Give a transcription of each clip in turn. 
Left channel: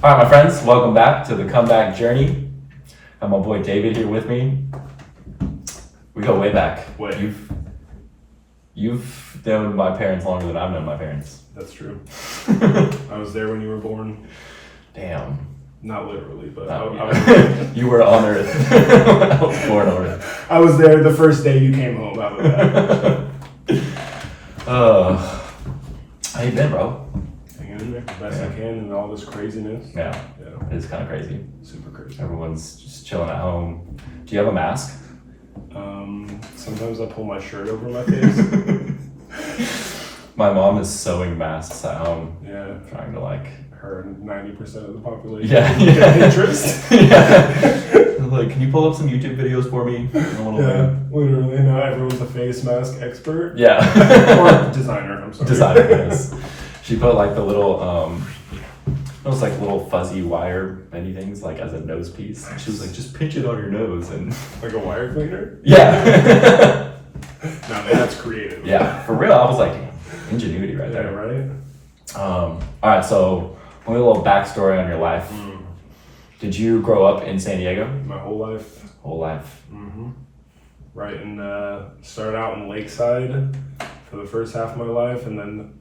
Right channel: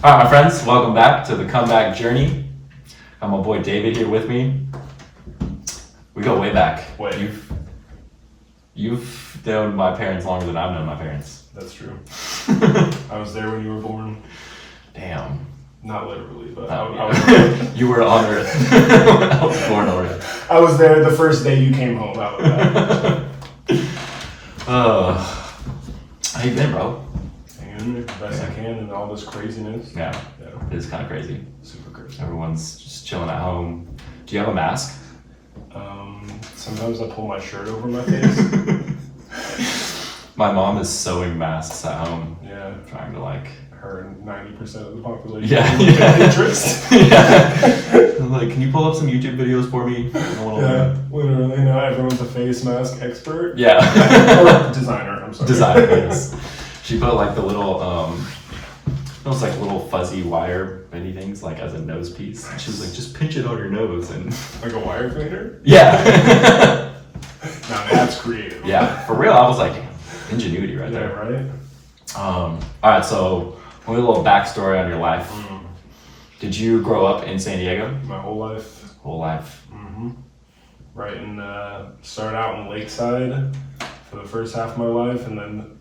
All right, my friends, welcome back to the comeback journey. Got my boy David here with me. We go way back. Wait. You've known my parents longer than I've known my parents. That's true. I was there when you were born. Damn. Not literally, but Oh, I was. You were on Earth. I was born already. I was there the first day you came home. Out of that. How you been, bro? Hanging in there the best I can in all this craziness. Yeah, Yeah, it's kind of crazy. super crazy. Everyone's just chilling at home. Do you have a mask? Sometimes I pull my shirt over my face. My mom is sewing masks at home, Yeah, trying to like. her 90% of the population. Yeah. Interest. Yeah. Like, can you pull up some YouTube videos for me? I want to Yeah, learn. literally. Now everyone's a face mask expert. Yeah. Or designer. I'm sorry. Designer, yes. She put like the little, those like little fuzzy wire bendy things like as a nose piece. And she was like, just pinch it on your nose and. Like a wire cleaner. Yeah. Now that's creative. Yeah, for real. I was like, ingenuity right Yeah, there. right? All right, so a little backstory on your life. Did you grow up in San Diego? My whole life. Whole life. Mm-hmm. Right, and started out in Lakeside for the first half of my life, and then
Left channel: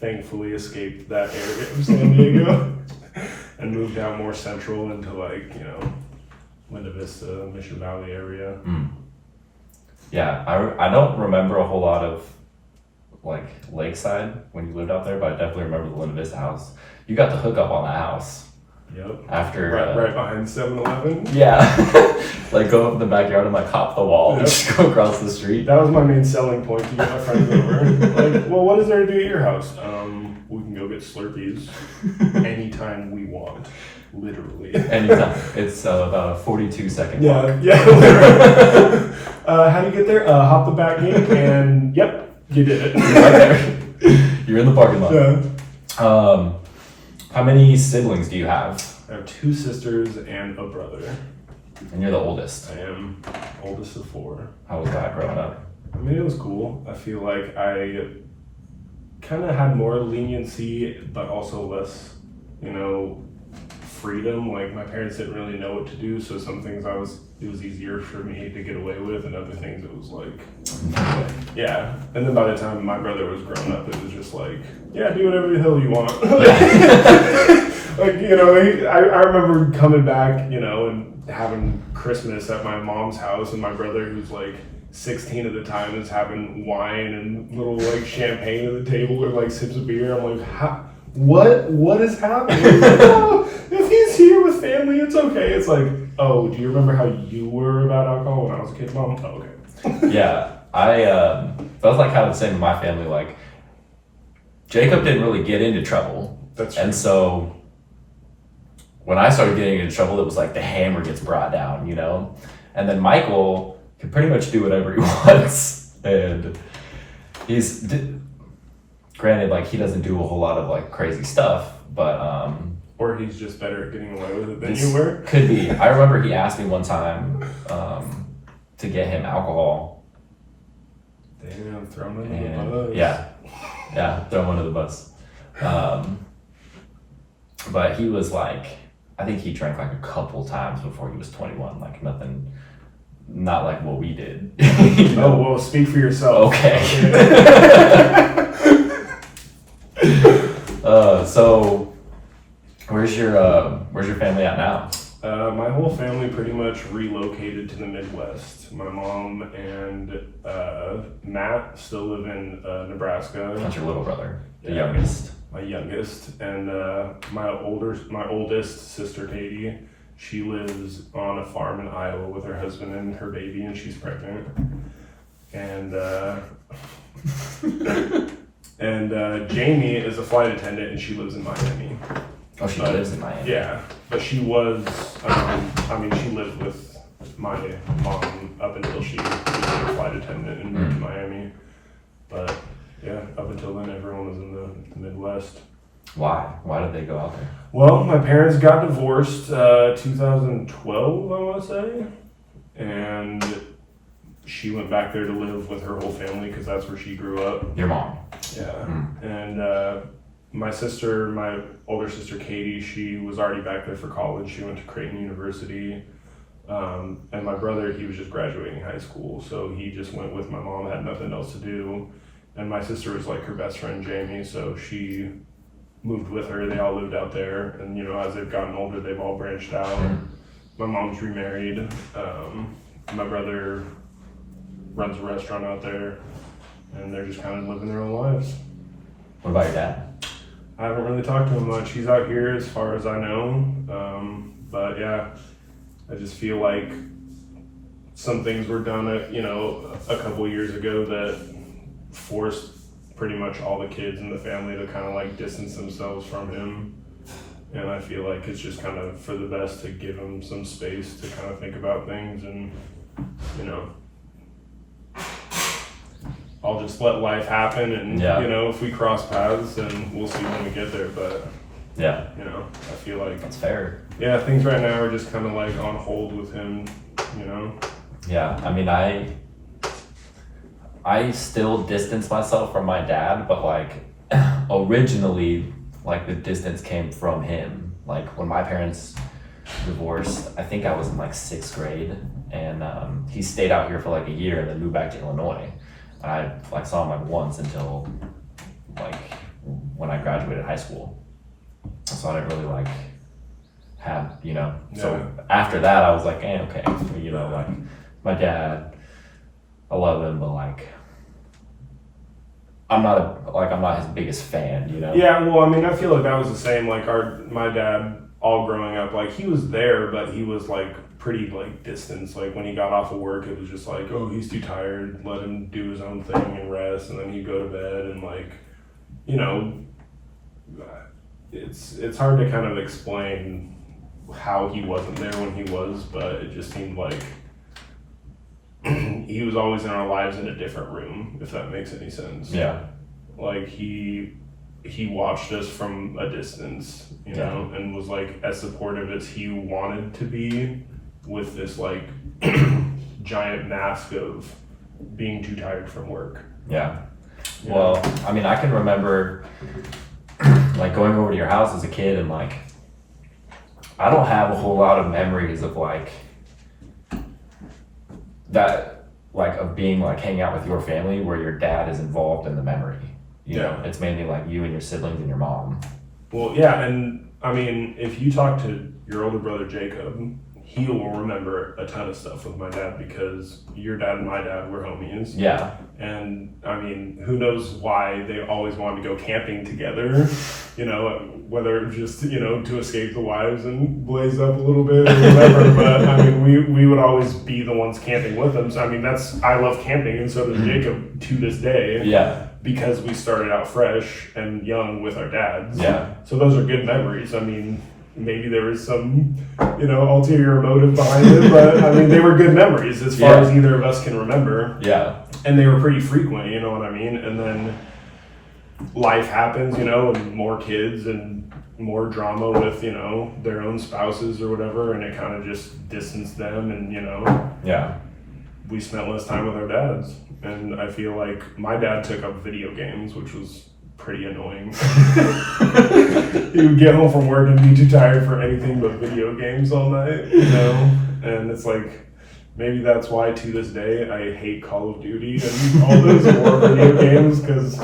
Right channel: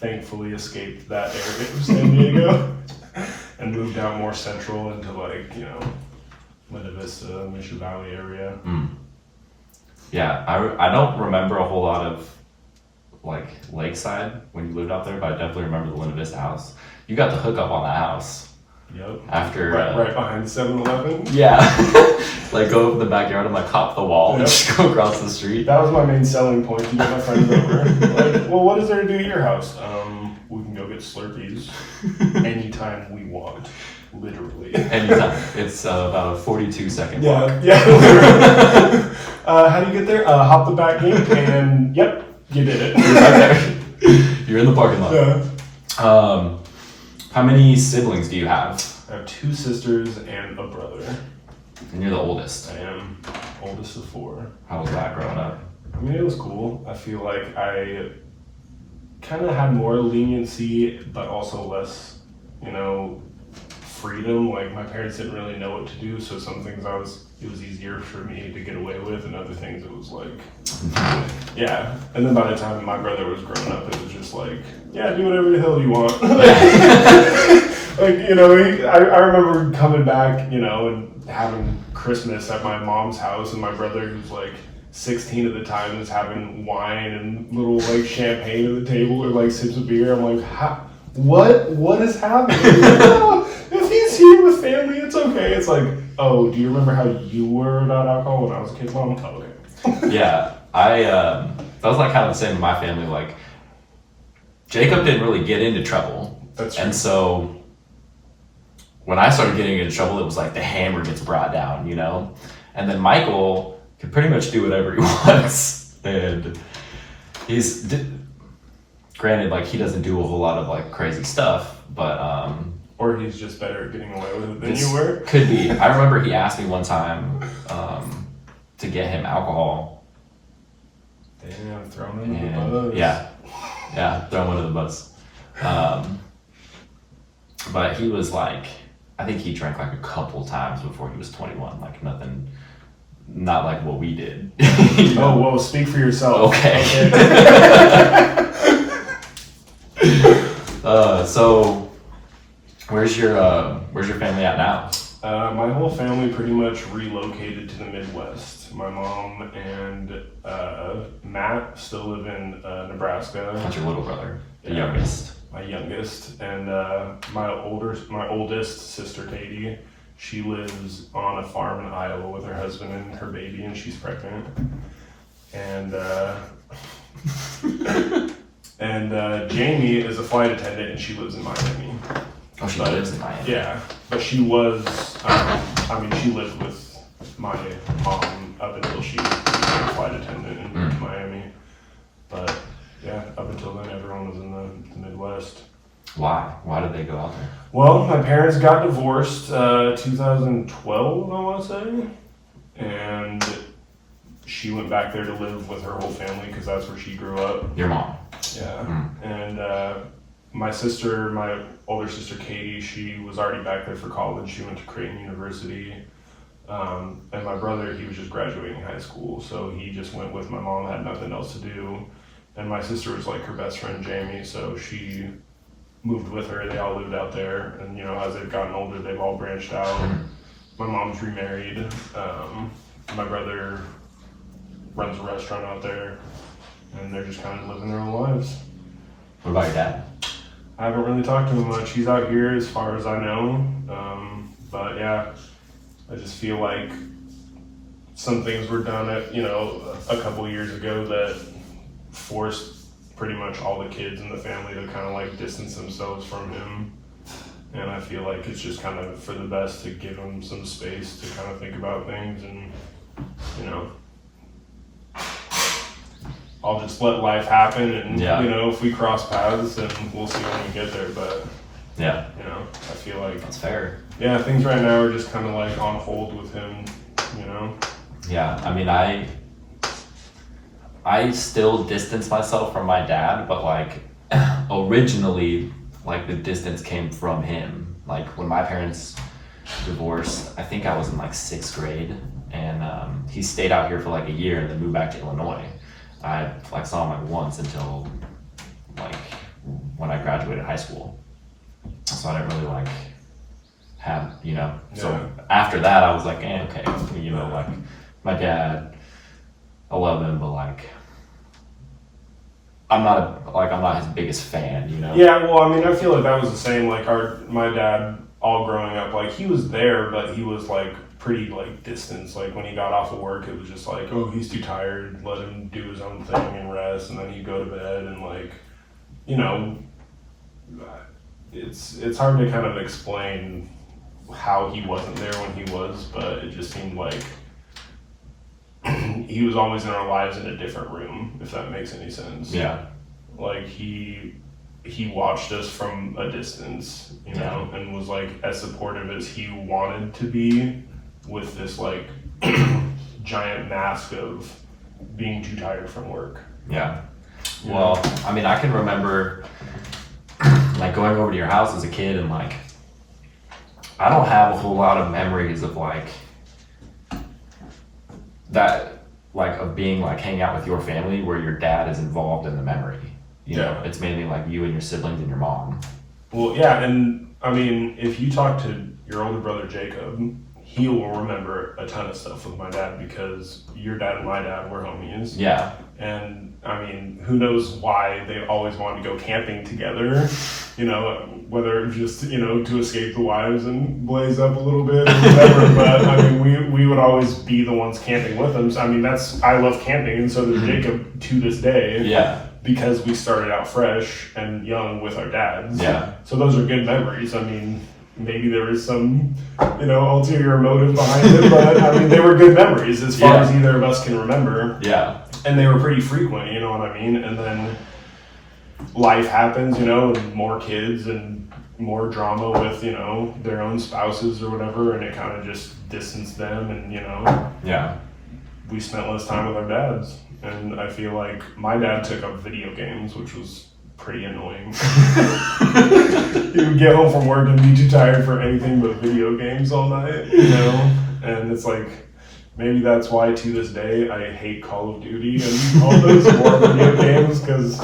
thankfully escaped that area of San Diego and moved out more central into Linda Vista, Mission Valley area. Yeah, I don't remember a whole lot of like Lakeside when you lived out there, but I definitely remember the Linda Vista house. You got the hookup on that house. Yep. After Right behind 7-Eleven. Yeah. Like go up in the backyard and like hop the wall and Yep. just go across the street. That was my main selling point to get my friends over. Like, well, what is there to do at your house? We can go get Slurpees anytime we want. Literally. Anytime. It's about a 42-second walk. Yeah, literally. How do you get there? Hop the back gate and yep, you did it. Okay. You're in the parking lot. Yeah. How many siblings do you have? I have 2 sisters and a brother. And you're the oldest. I am oldest of 4. How was that growing up? I mean, it was cool. I feel like I kind of had more leniency, but also less, freedom. Like my parents didn't really know what to do, so some things it was easier for me to get away with, and other things it was like, yeah. And then by the time my brother was grown up, it was just like, yeah, do whatever the hell you want. Like, I remember coming back, and having Christmas at my mom's house, and my brother, who's like 16 at the time, was having wine and little like champagne at the table or like sips of beer. I'm like, what is happening? If he's here with family, it's okay. It's like, oh, do you remember how you were about alcohol when I was a kid, Mom? Oh, okay. Yeah, that was like kind of the same in my family. Like, Jacob didn't really get into trouble. That's true. And so when I started getting into trouble, it was like the hammer gets brought down, And then Michael can pretty much do whatever he wants. And granted, like, he doesn't do a whole lot of like crazy stuff, but or he's just better at getting away with it than you were. Could be. I remember he asked me one time to get him alcohol. Damn, throw him into the bus. Yeah, throw him under the bus. But he was like, I think he drank like a couple times before he was 21. Like nothing, not like what we did. Oh, well, speak for yourself. Okay. So where's your family at now? My whole family pretty much relocated to the Midwest. My mom and Matt still live in Nebraska. That's your little brother, the Yeah. youngest. My youngest, and my oldest sister Katie. She lives on a farm in Iowa with her husband and her baby, and she's pregnant. And Jamie is a flight attendant, and she lives in Miami. Oh, she lives in Miami. Yeah, but she was, she lived with my mom up until she became a flight attendant and moved to Miami. But yeah, up until then, everyone was in the Midwest. Why? Why did they go out there? Well, my parents got divorced 2012, I want to say. And she went back there to live with her whole family because that's where she grew up. Your mom. Yeah. And my older sister Katie, she was already back there for college. She went to Creighton University. And my brother, he was just graduating high school, so he just went with my mom, had nothing else to do. And my sister was like her best friend Jamie, so she moved with her. They all lived out there, and you know, as they've gotten older, they've all branched out. My mom's remarried. My brother runs a restaurant out there, and they're just kind of living their own lives. What about your dad? I haven't really talked to him much. He's out here as far as I know. But yeah, I just feel like some things were done a couple of years ago that forced pretty much all the kids in the family to kind of like distance themselves from him. And I feel like it's just kind of for the best to give him some space to kind of think about things, and you know, I'll just let life happen, and Yeah. you know, if we cross paths, then we'll see when we get there. But Yeah, you know, I feel like that's fair. yeah, things right now are just kind of like on hold with him, you know. Yeah, I mean, I still distance myself from my dad, but like originally, like the distance came from him. Like when my parents divorced, I think I was in like 6th grade, and he stayed out here for like a year and then moved back to Illinois. I like saw him like once until like when I graduated high school, so I didn't really like have, you know. So Yeah. after that, I was like, okay, you know, like my dad, I love him, but like I'm not his biggest fan, you know. Yeah, well, I mean, I feel like that was the same. Like my dad, all growing up, like he was there, but he was like pretty like distant. Like when he got off of work, it was just like, oh, he's too tired. Let him do his own thing and rest, and then he'd go to bed. And like, you know, it's hard to kind of explain how he wasn't there when he was, but it just seemed like he was always in our lives in a different room, if that makes any sense. Yeah. Like he watched us from a distance, you know, and was like as supportive as he wanted to be, with this like giant mask of being too tired from work. Yeah. You Well, know? I mean, I can remember like going over to your house as a kid, and like I don't have a whole lot of memories of like that, like of being like hanging out with your family where your dad is involved in the memory. You know, Yeah. it's mainly like you and your siblings and your mom. Well, yeah, and I mean, if you talk to your older brother Jacob, he will remember a ton of stuff with my dad, because your dad and my dad were homies. Yeah. And I mean, who knows why they always wanted to go camping together, you know, whether just, you know, to escape the wives and blaze up a little bit or whatever. But I mean, we would always be the ones camping with them. So I mean, I love camping, and so does Jacob to this day. Yeah. Because we started out fresh and young with our dads. Yeah. So those are good memories. I mean, maybe there was some, you know, ulterior motive behind it, but I mean, they were good memories as far as either of us can remember. Yeah. And they were pretty frequent, you know what I mean? And then life happens, you know, and more kids and more drama with, you know, their own spouses or whatever, and it kind of just distanced them, and, you know, Yeah. we spent less time with our dads. And I feel like my dad took up video games, which was pretty annoying. He would get home from work and be too tired for anything but video games all night, you know? And it's like, maybe that's why to this day I hate Call of Duty and all those war video games, because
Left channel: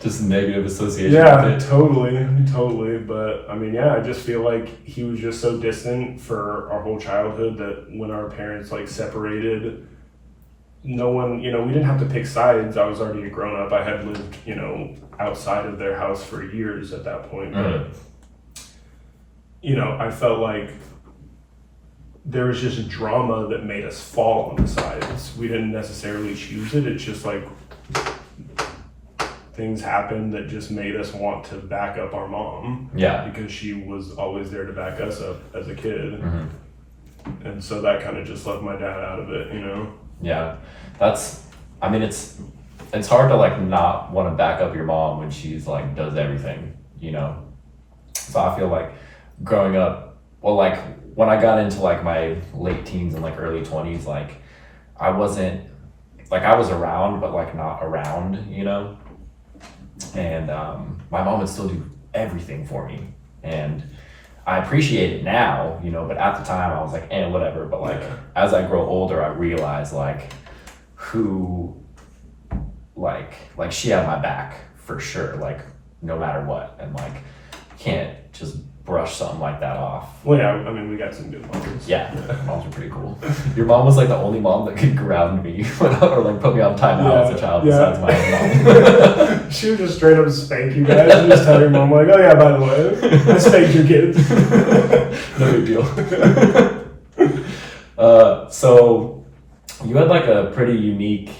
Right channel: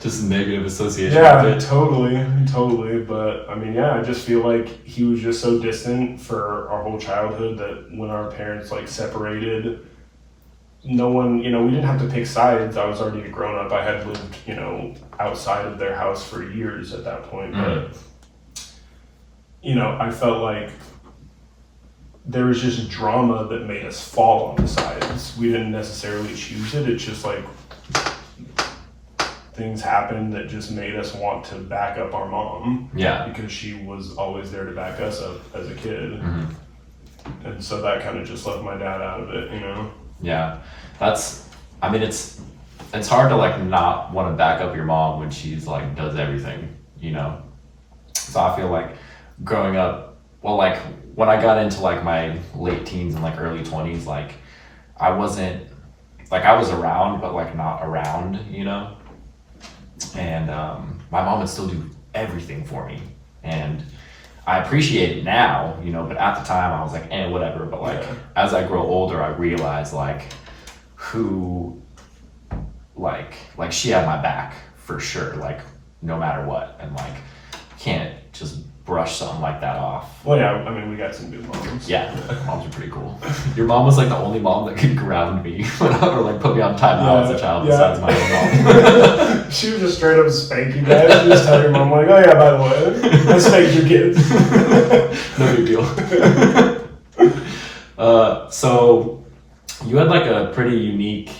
Just negative association yeah, with it. totally. But I mean, yeah, I just feel like he was just so distant for our whole childhood that when our parents like separated, no one, you know, we didn't have to pick sides. I was already a grown up. I had lived, you know, outside of their house for years at that point. But, you know, I felt like there was just drama that made us fall on the sides. We didn't necessarily choose it. It's just like things happened that just made us want to back up our mom. Yeah. Because she was always there to back us up as a kid. Mm-hmm. And so that kind of just left my dad out of it, you know? Yeah, I mean, it's hard to like not want to back up your mom when she's like does everything, you know? So I feel like growing up, well, like when I got into like my late teens and like early 20s, like I wasn't, like I was around, but like not around, you know? And my mom would still do everything for me. And I appreciate it now, you know, but at the time I was like, whatever. But like, as I grow older, I realize like who, like she had my back for sure, like no matter what. And like, can't just brush something like that off. Well, yeah, I mean, we got some good moms. Yeah, moms are pretty cool. Your mom was like the only mom that could ground me or like put me on timeout as a child besides my own mom. She would just straight up spank you guys. You just tell your mom like, oh yeah, by the way, I spanked your kids. No big deal. So you had like a pretty unique,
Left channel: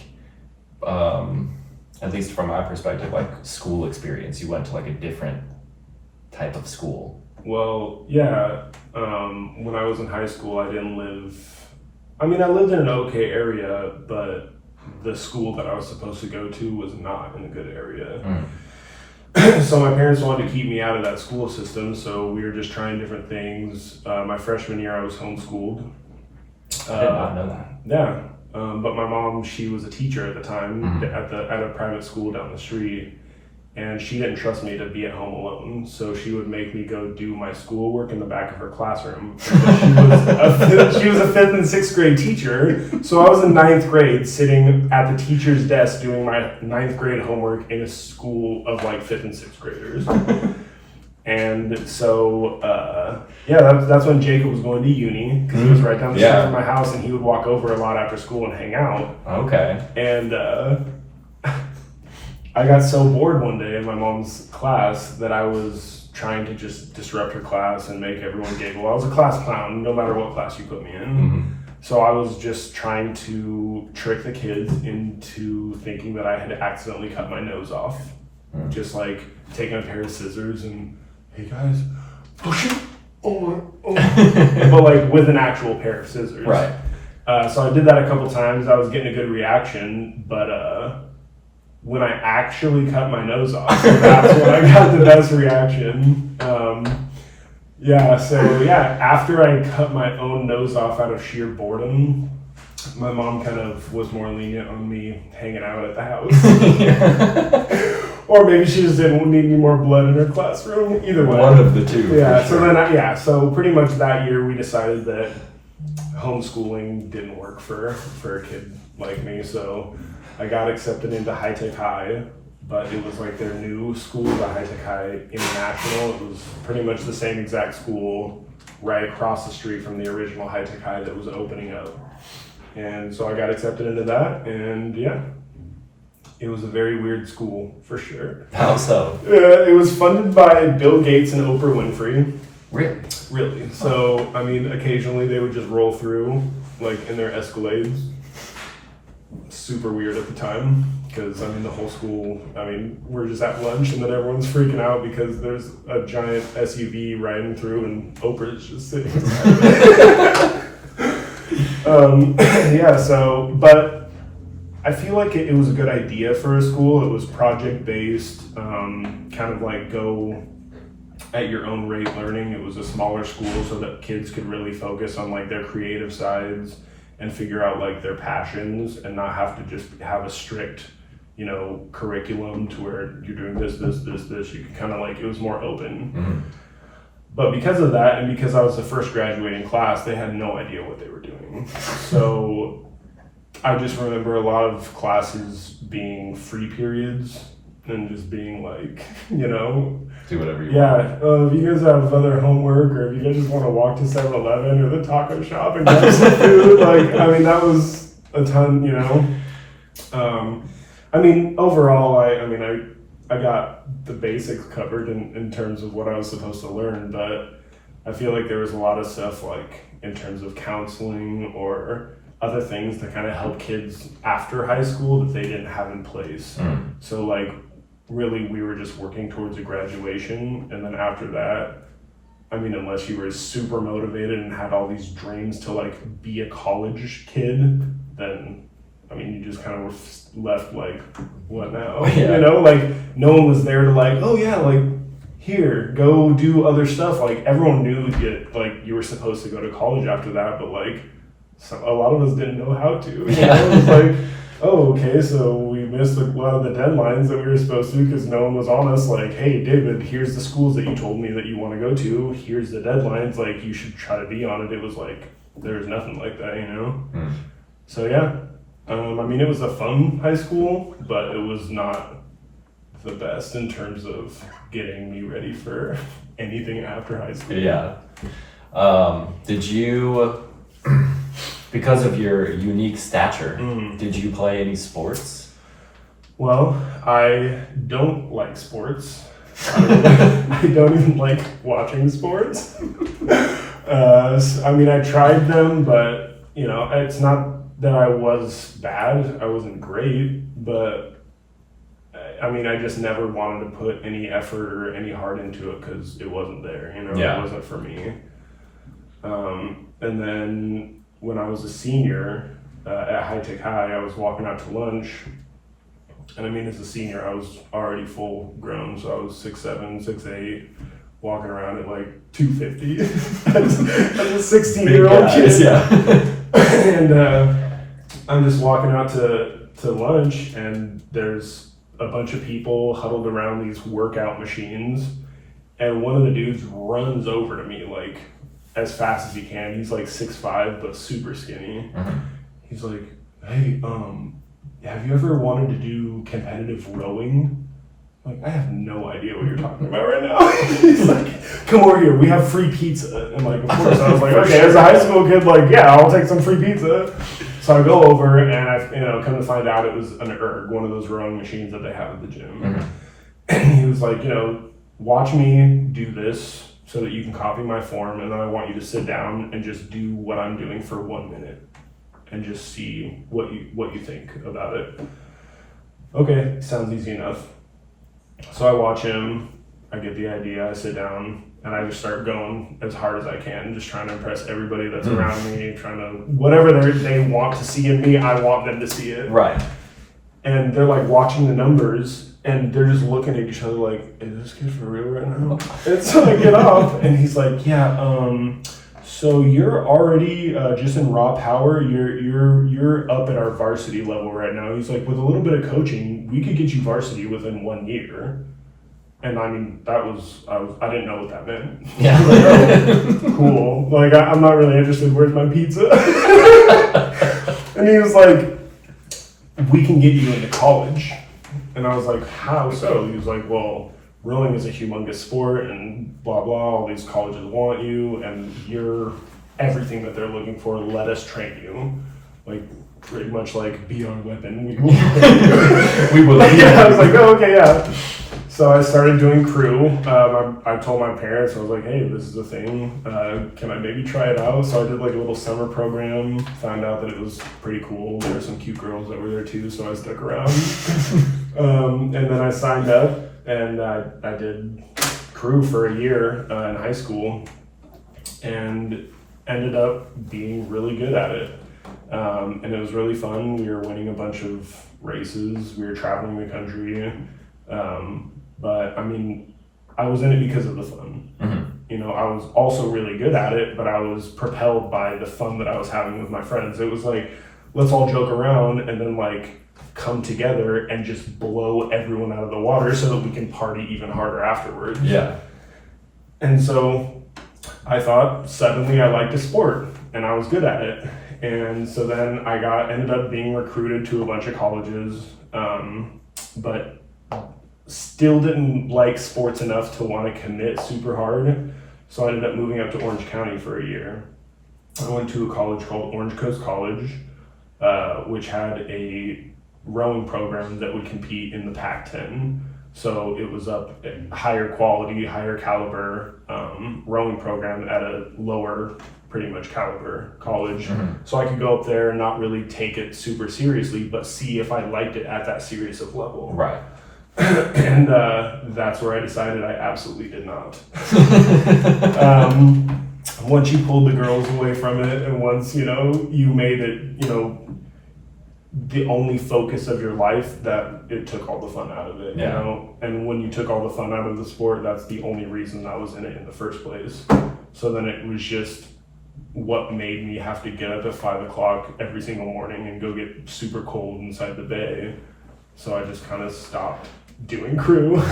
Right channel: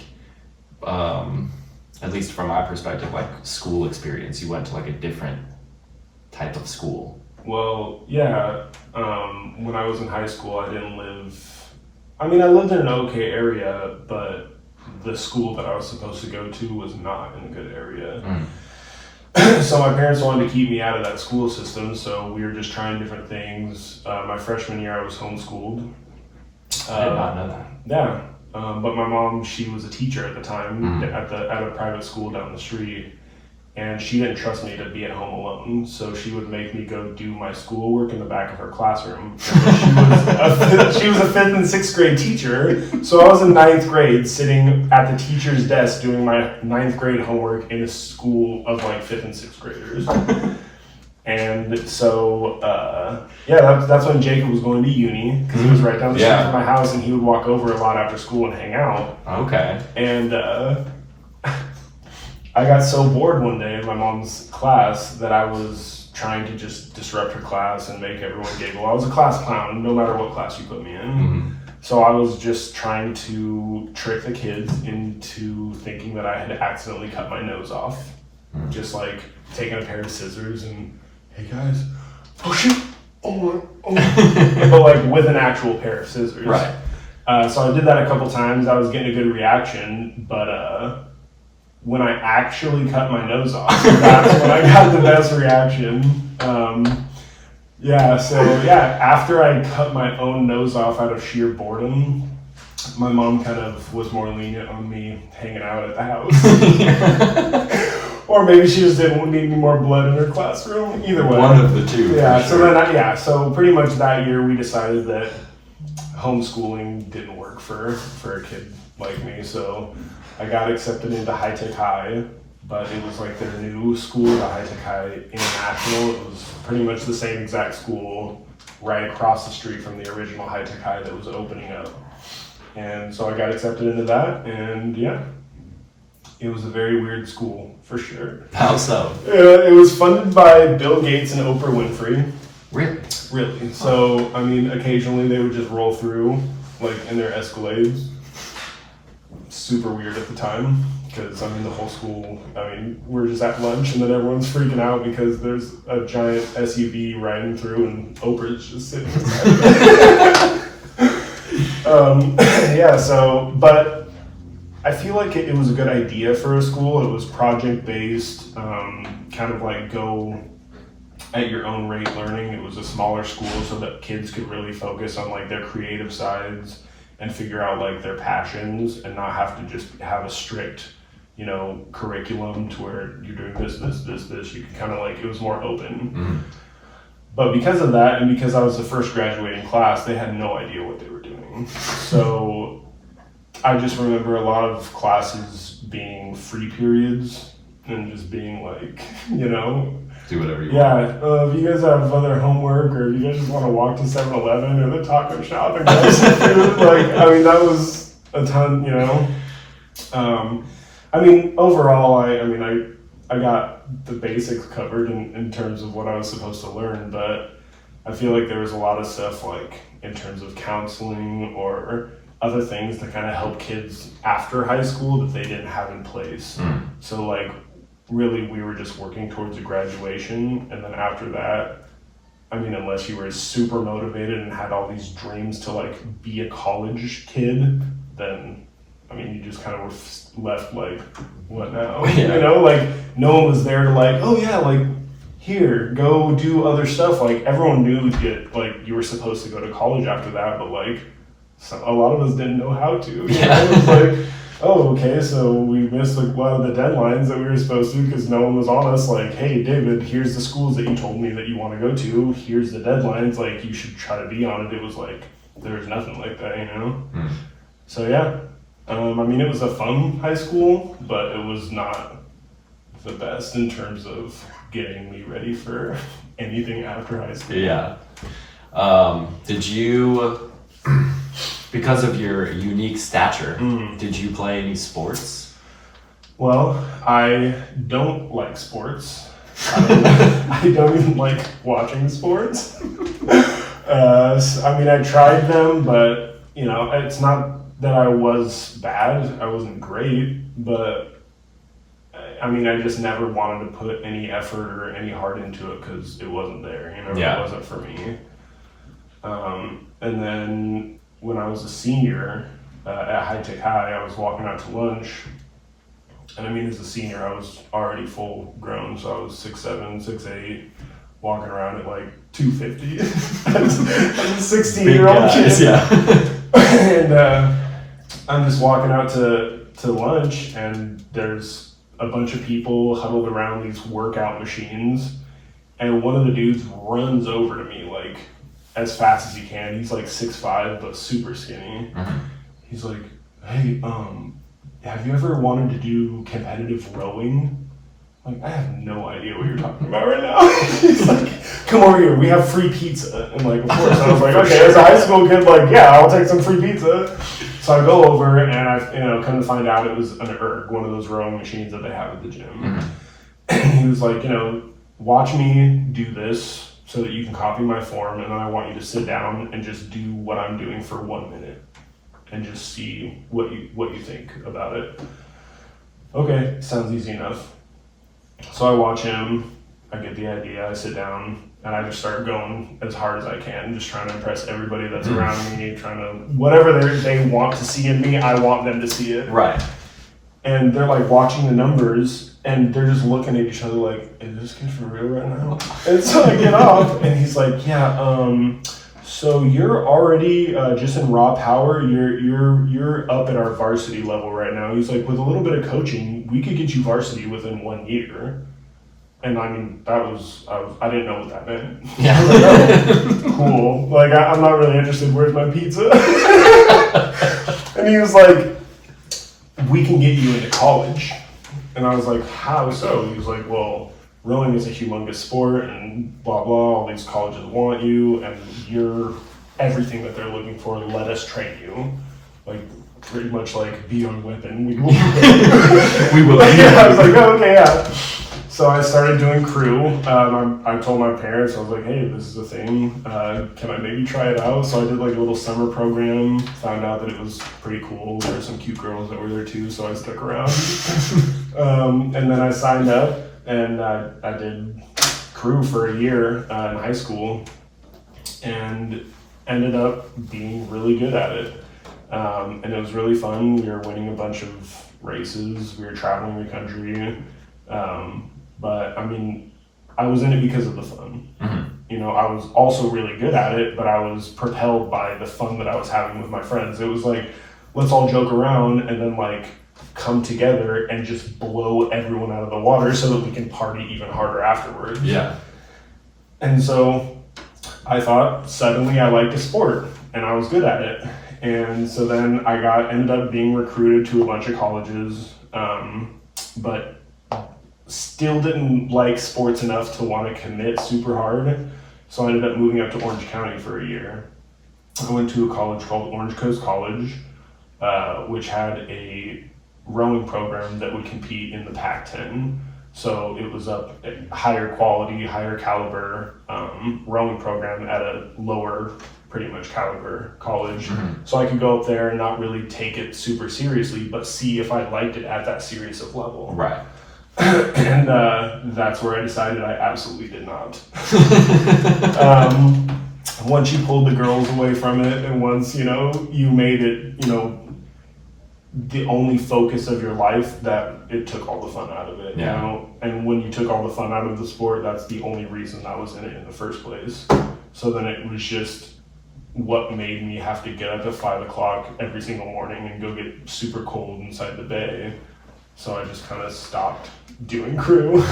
at least from my perspective, like school experience. You went to like a different type of school. Well, yeah. When I was in high school, I didn't live. I mean, I lived in an okay area, but the school that I was supposed to go to was not in a good area. So my parents wanted to keep me out of that school system, so we were just trying different things. My freshman year, I was homeschooled. I did not know that. Yeah, but my mom, she was a teacher at the time at a private school down the street, and she didn't trust me to be at home alone, so she would make me go do my schoolwork in the back of her classroom. She was a 5th and 6th grade teacher, so I was in 9th grade sitting at the teacher's desk doing my 9th grade homework in a school of like 5th and 6th graders. And so, that's when Jacob was going to uni, because he was right down the street from my house, and he would walk over a lot after school and hang out. Okay. And I got so bored one day in my mom's class that I was trying to just disrupt her class and make everyone giggle. I was a class clown, no matter what class you put me in. So I was just trying to trick the kids into thinking that I had accidentally cut my nose off. Just like taking a pair of scissors and, hey guys, push it, but like with an actual pair of scissors. Right. So I did that a couple times. I was getting a good reaction, but when I actually cut my nose off, that's when I got the best reaction. After I cut my own nose off out of sheer boredom, my mom kind of was more lenient on me hanging out at the house. Or maybe she just didn't need any more blood in her classroom. Either way. One of the two. Yeah, sure. So pretty much that year we decided that homeschooling didn't work for a kid like me. So I got accepted into High Tech High, but it was like their new school, the High Tech High International. It was pretty much the same exact school right across the street from the original High Tech High that was opening up. And so I got accepted into that, and it was a very weird school, for sure. How so? It was funded by Bill Gates and Oprah Winfrey. Really? Really. So, I mean, occasionally they would just roll through, like, in their Escalades. Super weird at the time, because, I mean, the whole school, I mean, we're just at lunch, and then everyone's freaking out because there's a giant SUV riding through, and Oprah's just sitting inside. But I feel like it was a good idea for a school. It was project-based, kind of like go at your own rate learning. It was a smaller school so that kids could really focus on like their creative sides and figure out like their passions and not have to just have a strict, curriculum to where you're doing this. You could kind of like, it was more open. But because of that, and because I was the first graduating class, they had no idea what they were doing. So I just remember a lot of classes being free periods and just being like, do whatever you want. Yeah, if you guys have other homework or if you guys just want to walk to 7-Eleven or the taco shop and grab some food, that was a ton, overall, I got the basics covered in terms of what I was supposed to learn, but I feel like there was a lot of stuff like in terms of counseling or other things to kind of help kids after high school that they didn't have in place. So like really we were just working towards a graduation, and then after that, unless you were super motivated and had all these dreams to like be a college kid, then you just kind of were left like, what now? Yeah. No one was there to like, oh yeah, like here, go do other stuff. Like everyone knew that like you were supposed to go to college after that, but like a lot of us didn't know how to. It was like, oh, okay, so we missed like a lot of the deadlines that we were supposed to because no one was on us. Like, hey, David, here's the schools that you told me that you want to go to. Here's the deadlines. Like, you should try to be on it. It was like there was nothing like that, you know. So yeah, I mean, it was a fun high school, but it was not the best in terms of getting me ready for anything after high school. Yeah. Did you, because of your unique stature, did you play any sports? Well, I don't like sports. I don't even like watching sports. I mean, I tried them, but, you know, it's not that I was bad. I wasn't great, but I mean, I just never wanted to put any effort or any heart into it because it wasn't there, you know, It wasn't for me. And then when I was a senior at High Tech High, I was walking out to lunch. And I mean, as a senior, I was already full grown, so I was 6'7", 6'8", walking around at like 250 as a 16-year-old kid. Yeah. And I'm just walking out to lunch, and there's a bunch of people huddled around these workout machines, and one of the dudes runs over to me like as fast as he can. He's like 6'5", but super skinny. He's like, hey, have you ever wanted to do competitive rowing? Like, I have no idea what you're talking about right now. He's like, come over here, we have free pizza. And like, of course, I was like, okay, as a high school kid, like, yeah, I'll take some free pizza. So I go over, and I, come to find out it was an erg, one of those rowing machines that they have at the gym. And he was like, watch me do this so that you can copy my form, and then I want you to sit down and just do what I'm doing for 1 minute and just see what you think about it. Okay, sounds easy enough. So I watch him, I get the idea, I sit down, and I just start going as hard as I can, just trying to impress everybody that's around me, trying to, whatever they want to see in me, I want them to see it. Right. And they're like watching the numbers, and they're just looking at each other like, is this kid for real right now? And so I get off, and he's like, yeah, so you're already just in raw power. You're up at our varsity level right now. He's like, with a little bit of coaching, we could get you varsity within 1 year. And I mean, I didn't know what that meant. Yeah. I was like, oh, cool. Like, I'm not really interested. Where's my pizza? And he was like, we can get you into college. And I was like, how so? He was like, well, rowing is a humongous sport and blah, blah. All these colleges want you, and you're everything that they're looking for. Let us train you. Like, pretty much like, be our weapon. We will. We will. Yeah, I was like, oh, okay, yeah. So I started doing crew. I told my parents, I was like, hey, this is a thing. Can I maybe try it out? So I did like a little summer program, found out that it was pretty cool. There were some cute girls that were there too, so I stuck around. And then I signed up, and I did crew for a year in high school, and ended up being really good at it. And it was really fun. We were winning a bunch of races. We were traveling the country. But I mean, I was in it because of the fun. I was also really good at it, but I was propelled by the fun that I was having with my friends. It was like, let's all joke around and then like come together and just blow everyone out of the water so that we can party even harder afterwards. Yeah. And so I thought suddenly I liked the sport and I was good at it. And so then I ended up being recruited to a bunch of colleges, but still didn't like sports enough to want to commit super hard. So I ended up moving up to Orange County for a year. I went to a college called Orange Coast College, which had a rowing program that would compete in the Pac-10. So it was a higher quality, higher caliber rowing program at a lower, pretty much caliber college. So I could go up there and not really take it super seriously, but see if I liked it at that serious of level. Right. And that's where I decided I absolutely did not. Once you pulled the girls away from it, and once, you made it, the only focus of your life, that it took all the fun out of it, And when you took all the fun out of the sport, that's the only reason I was in it in the first place. So then it was just what made me have to get up at 5 o'clock every single morning and go get super cold inside the bay. so I just kind of stopped doing crew.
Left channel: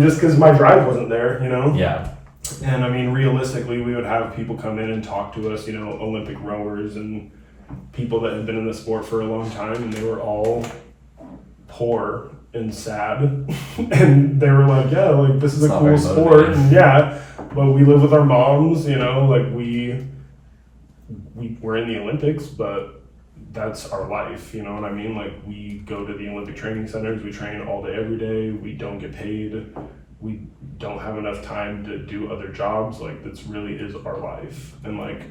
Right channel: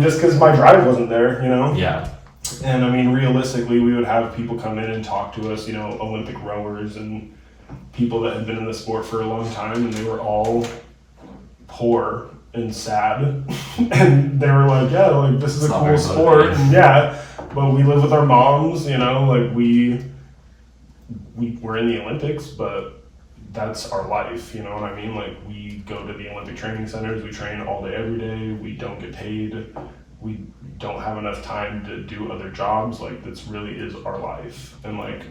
Just because my drive wasn't there, you know? Yeah. And I mean, realistically, we would have people come in and talk to us, you know, Olympic rowers and people that had been in the sport for a long time, and they were all poor and sad. And they were like, yeah, like, this is a cool sport. And yeah, but we live with our moms, you know, like we were in the Olympics, but that's our life, you know what I mean? Like, we go to the Olympic training centers, we train all day, every day, we don't get paid, we don't have enough time to do other jobs. Like, this really is our life. And like,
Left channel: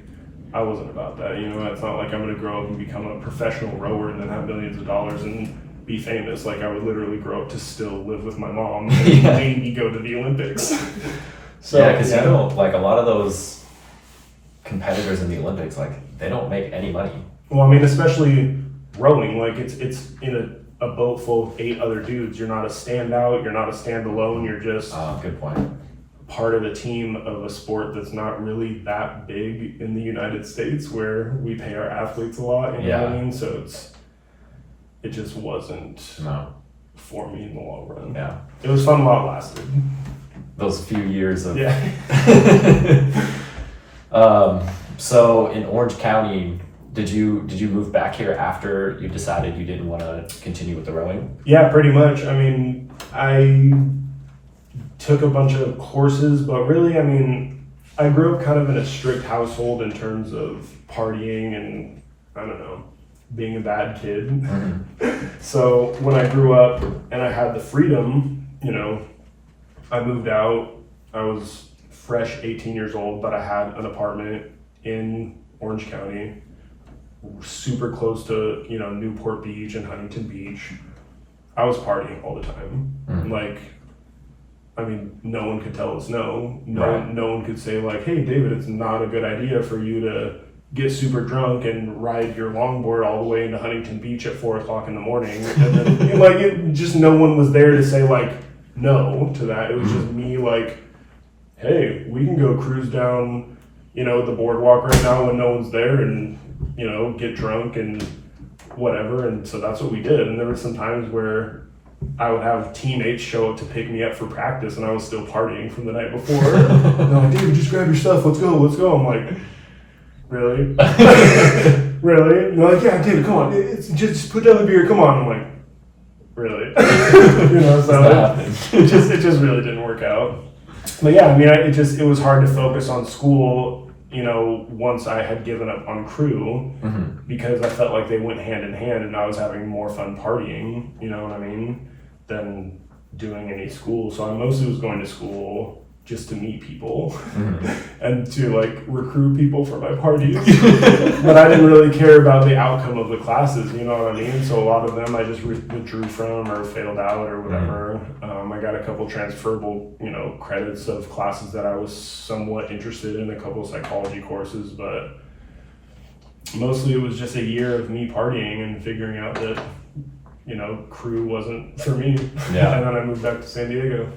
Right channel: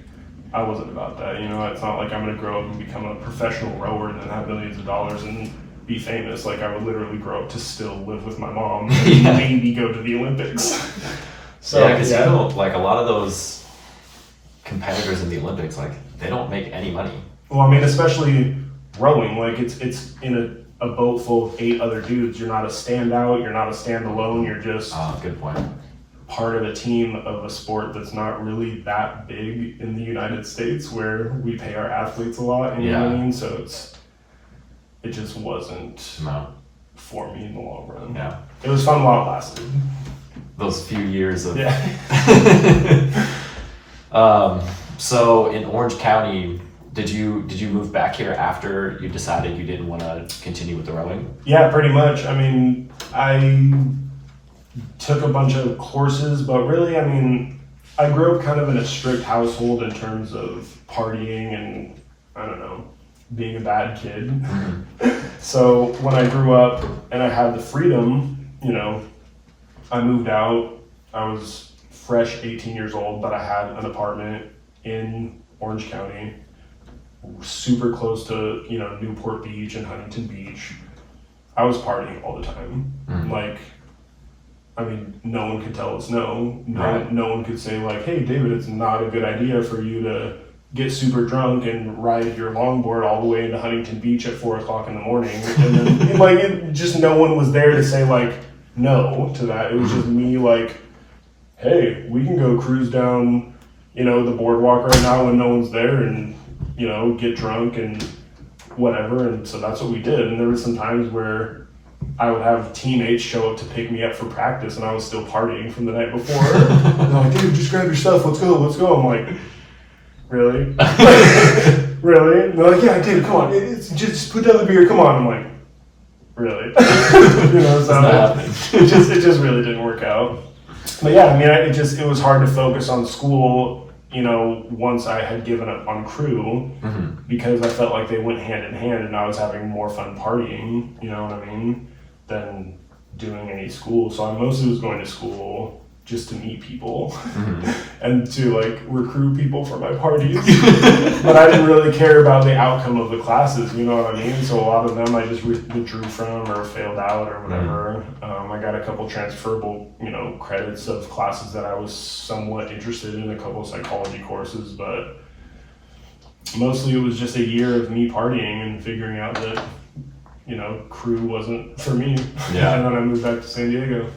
I wasn't about that, you know? It's not like I'm gonna grow up and become a professional rower and then have millions of dollars and be famous. Like, I would literally grow up to still live with my mom and maybe go to the Olympics. So yeah, because you know, like, a lot of those competitors in the Olympics, like, they don't make any money. Well, I mean, especially rowing, like, it's in a boat full of 8 other dudes. You're not a standout, you're not a standalone, you're just good point. part of a team of a sport that's not really that big in the United States, where we pay our athletes a lot, you know what I mean? So it just wasn't for me in the long run. Yeah. It was fun while it lasted. Those few years of... Yeah. So in Orange County, did you move back here after you decided you didn't want to continue with the rowing? Yeah, pretty much. I mean, I took a bunch of courses, but really, I mean, I grew up kind of in a strict household in terms of partying and, I don't know, being a bad kid. Mm-hmm. So when I grew up and I had the freedom, you know, I moved out. I was fresh 18 years old, but I had an apartment in Orange County, super close to, you know, Newport Beach and Huntington Beach. I was partying all the time. Mm-hmm. Like, I mean, no one could tell us no. No one could say, like, hey, David, it's not a good idea for you to get super drunk and ride your longboard all the way into Huntington Beach at 4 o'clock in the morning. And then, like, just no one was there to say, like, no to that. It was just me, like, hey, we can go cruise down, you know, the boardwalk right now when no one's there and, you know, get drunk and whatever. And so that's what we did. And there were some times where I would have teammates show up to pick me up for practice and I was still partying from the night before. They're like, dude, just grab your stuff, let's go. I'm like, really? Really? And they're like, yeah, dude, come on, it's just put down the beer, come on. I'm like, really? You know, so it just really didn't work out. But yeah, I mean, it was hard to focus on school, you know, once I had given up on crew, because I felt like they went hand in hand and I was having more fun partying, you know what I mean, than doing any school. So I mostly was going to school just to meet people and to, like, recruit people for my parties. But I didn't really care about the outcome of the classes, you know what I mean? So a lot of them I just withdrew from or failed out or whatever. I got a couple transferable, you know, credits of classes that I was somewhat interested in, a couple psychology courses, but mostly it was just a year of me partying and figuring out that, you know, crew wasn't for me. Yeah. And then I moved back to San Diego.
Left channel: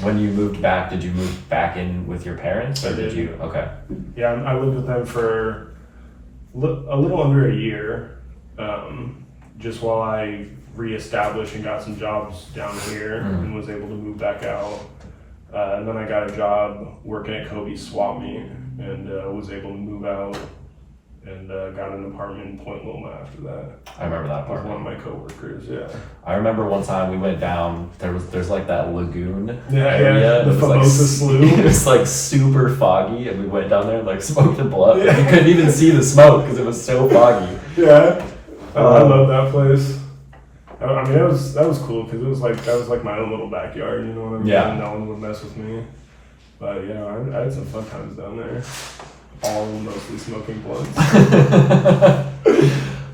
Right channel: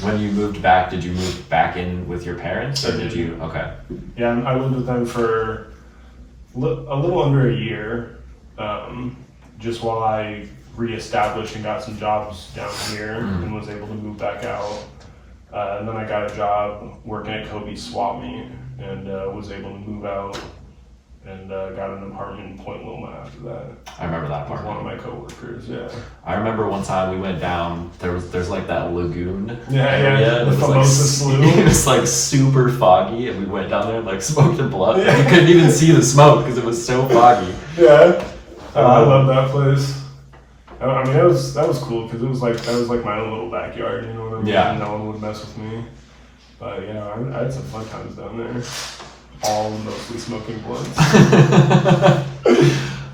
When you moved back, did you move back in with your parents, or did you? Okay. Yeah, I lived with them for a little under a year, just while I reestablished and got some jobs down here and was able to move back out. And then I got a job working at Kobe's swap meet and was able to move out and got an apartment in Point Loma after that. I remember that With apartment. one of my coworkers, yeah. I remember one time we went down, there's like that lagoon area. The Famosa Slough. It was like super foggy and we went down there and like smoked a blunt. And you couldn't even see the smoke because it was so foggy. Yeah. I love that place. I mean, that was cool because that was like my own little backyard, you know what I mean? Yeah. No one would mess with me. But yeah, I had some fun times down there. All mostly smoking blunts.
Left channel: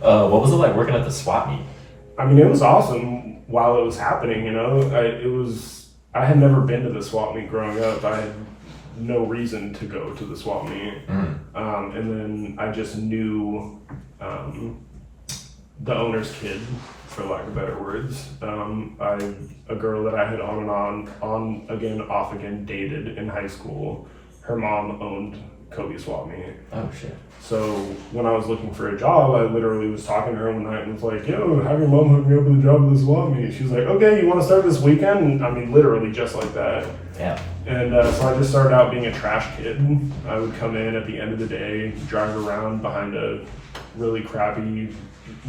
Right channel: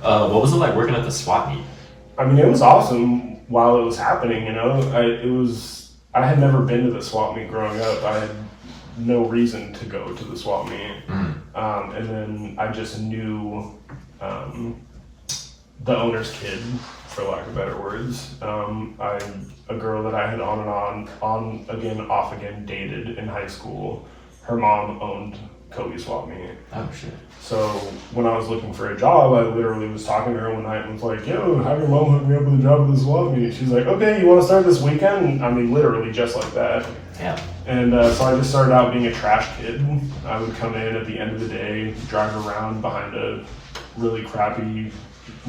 What was it like working at the swap meet? I mean, it was awesome while it was happening, you know? I had never been to the swap meet growing up. I had no reason to go to the swap meet. And then I just knew the owner's kid, for lack of better words. A girl that I had on again, off again, dated in high school. Her mom owned Kobe swap meet. Oh shit. So when I was looking for a job, I literally was talking to her one night and was like, yo, have your mom hook me up with a job at the swap meet. She's like, okay, you want to start this weekend? And, I mean, literally just like that. Damn. And so I just started out being a trash kid. I would come in at the end of the day, drive around behind a really crappy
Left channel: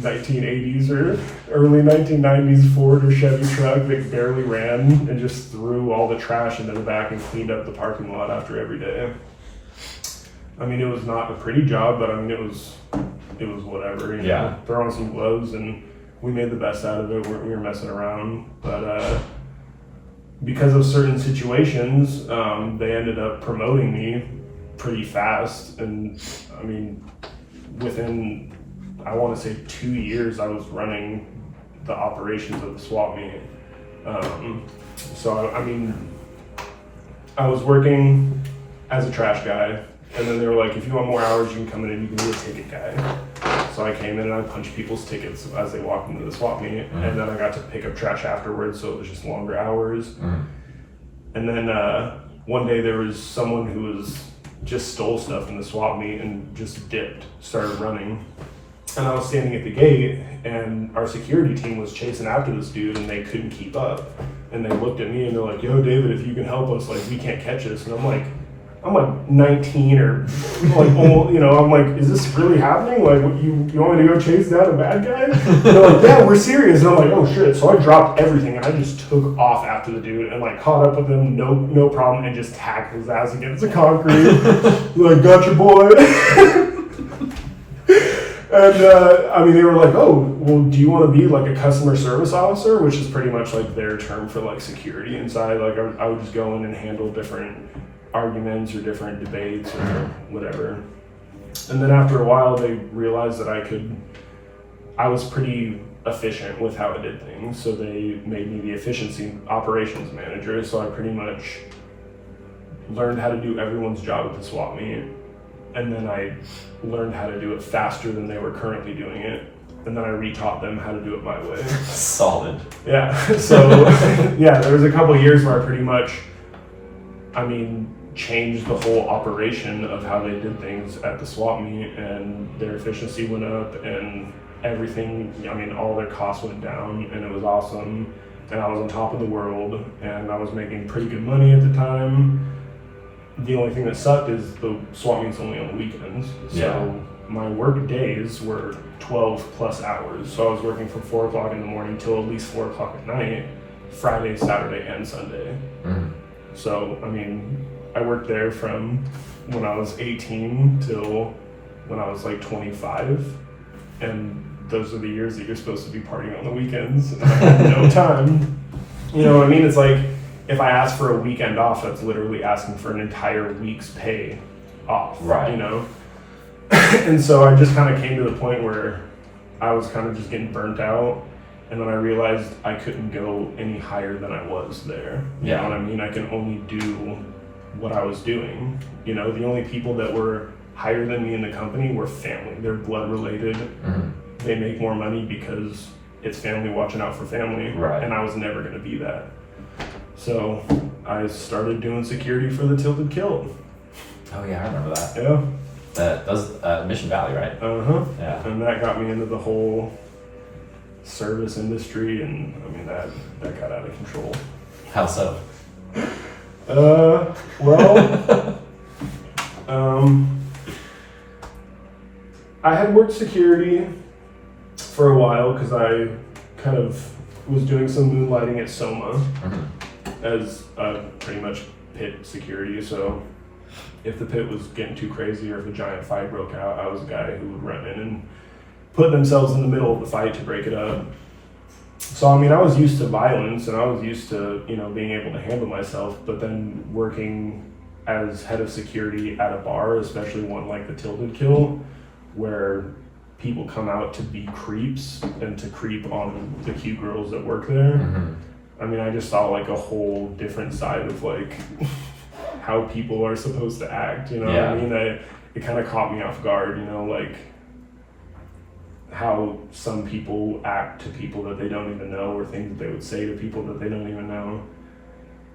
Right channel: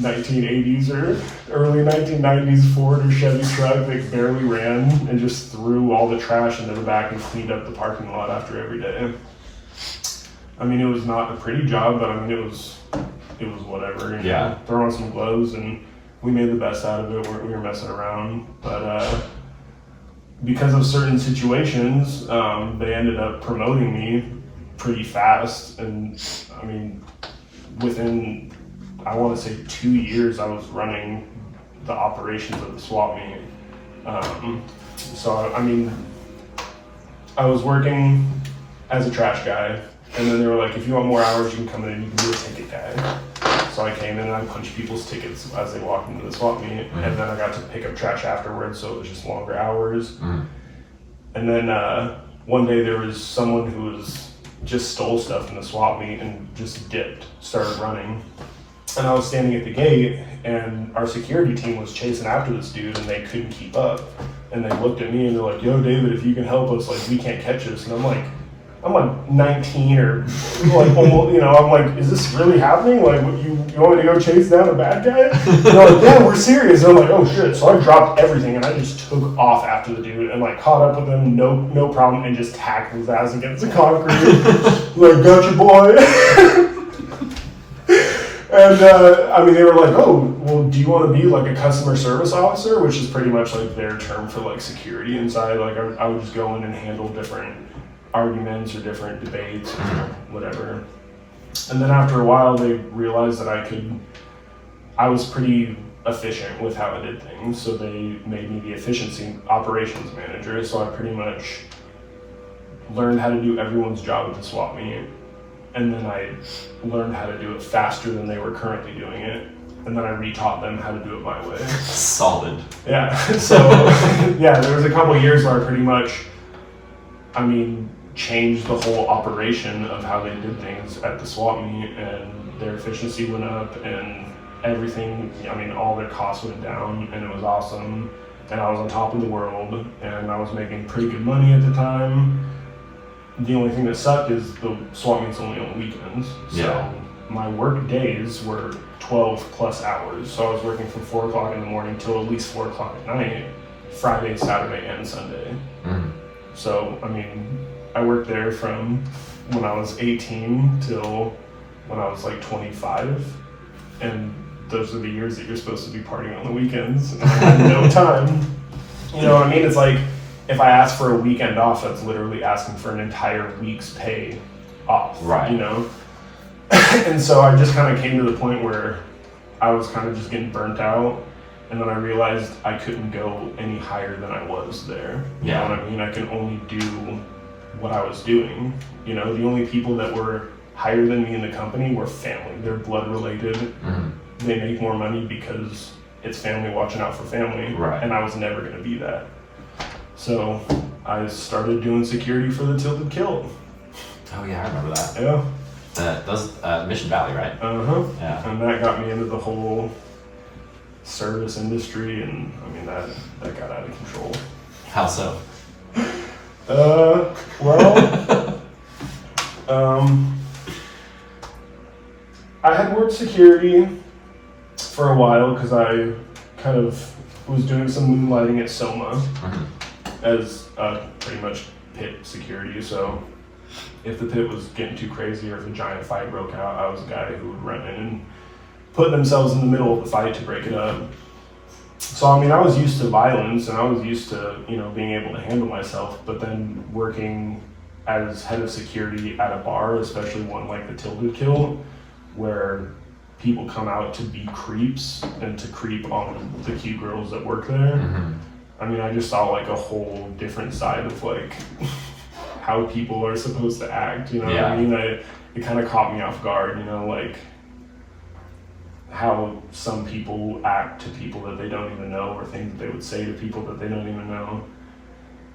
1980s or early 1990s Ford or Chevy truck that barely ran, and just threw all the trash into the back and cleaned up the parking lot after every day. I mean, it was not a pretty job, but I mean, it was whatever. You know? Throw on some gloves, and we made the best out of it. We were messing around, but because of certain situations, they ended up promoting me pretty fast. And I mean, within, I want to say 2 years, I was running the operations of the swap meet. So I mean, I was working as a trash guy, and then they were like, if you want more hours, you can come in and you can be a ticket guy. So I came in and I punched people's tickets as they walked into the swap meet, and then I got to pick up trash afterwards, so it was just longer hours. And then one day there was someone who was just stole stuff in the swap meet and just dipped, started running. And I was standing at the gate, and our security team was chasing after this dude, and they couldn't keep up. And they looked at me and they're like, yo, David, if you can help us, like, we can't catch this. And I'm like 19 or like, almost, you know, I'm like, is this really happening? Like, what, you want me to go chase down a bad guy? And they're like, yeah, we're serious. And I'm like, oh shit. So I dropped everything and I just took off after the dude and like caught up with him, no problem, and just hacked his ass against the concrete. Like, gotcha, boy. And I mean, they were like, oh, well, do you want to be like a customer service officer? Which is pretty much like their term for like security inside. Like I would just go in and handle different arguments or different debates or whatever. And then after a while, they realized that I was pretty efficient with how I did things. So they made me the efficiency operations manager. So I pretty much learned how to do everyone's job at the swap meet. And then I learned how to do it faster than they were currently doing it. And then I retaught them how to do it my way. Solid. Yeah. So, yeah, there was a couple of years where I pretty much, I mean, changed the whole operation of how they did things at the swap meet, and their efficiency went up and everything, I mean, all their costs went down, and it was awesome. And I was on top of the world, and I was making pretty good money at the time. The only thing that sucked is the swap meet's only on the weekends. So my work days were 12 plus hours. So I was working from 4 o'clock in the morning till at least 4 o'clock at night, Friday, Saturday, and Sunday. So, I mean, I worked there from when I was 18 till when I was like 25. And those are the years that you're supposed to be partying on the weekends. And I had no time. You know what I mean? It's like, if I ask for a weekend off, that's literally asking for an entire week's pay off, right? You know? And so I just kind of came to the point where I was kind of just getting burnt out, and then I realized I couldn't go any higher than I was there. You know what I mean? I can only do what I was doing. You know, the only people that were higher than me in the company were family. They're blood related. They make more money because it's family watching out for family, right? And I was never going to be that. So I started doing security for the Tilted Kilt. Oh yeah, I remember that. Yeah. That was Mission Valley, right? Yeah. And that got me into the whole service industry, and I mean that got out of control. How so? Well, I had worked security for a while because I kind of was doing some moonlighting at Soma. As pretty much pit security. So if the pit was getting too crazy or if a giant fight broke out, I was a guy who would run in and put themselves in the middle of the fight to break it up. So I mean, I was used to violence and I was used to, you know, being able to handle myself, but then working as head of security at a bar, especially one like the Tilted Kilt, where people come out to be creeps and to creep on the cute girls that work there. I mean, I just saw like a whole different side of like how people are supposed to act, you know what I mean? It kind of caught me off guard, you know, like how some people act to people that they don't even know, or things that they would say to people that they don't even know.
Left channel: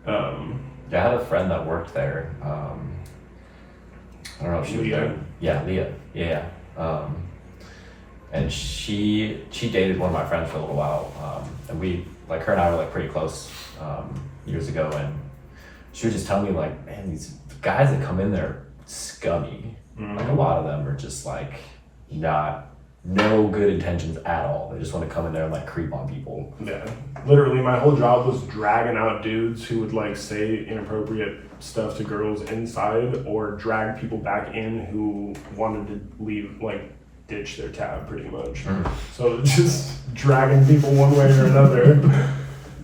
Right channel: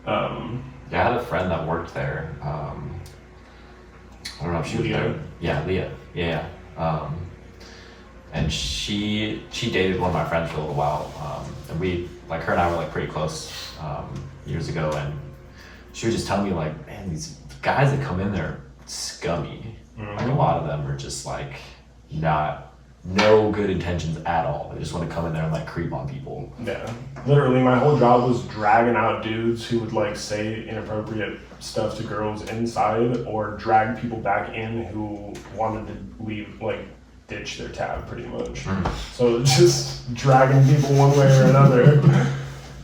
Yeah, I had a friend that worked there. I don't know if she was Leah. there. Yeah, Leah. Yeah. And she dated one of my friends for a little while. And her and I were like pretty close years ago. And she would just tell me like, man, these guys that come in there are scummy. Like a lot of them are just like no good intentions at all. They just want to come in there and like creep on people. Yeah. Literally, my whole job was dragging out dudes who would like say inappropriate stuff to girls inside or drag people back in who wanted to leave, like ditch their tab pretty much. So just dragging people one way or another.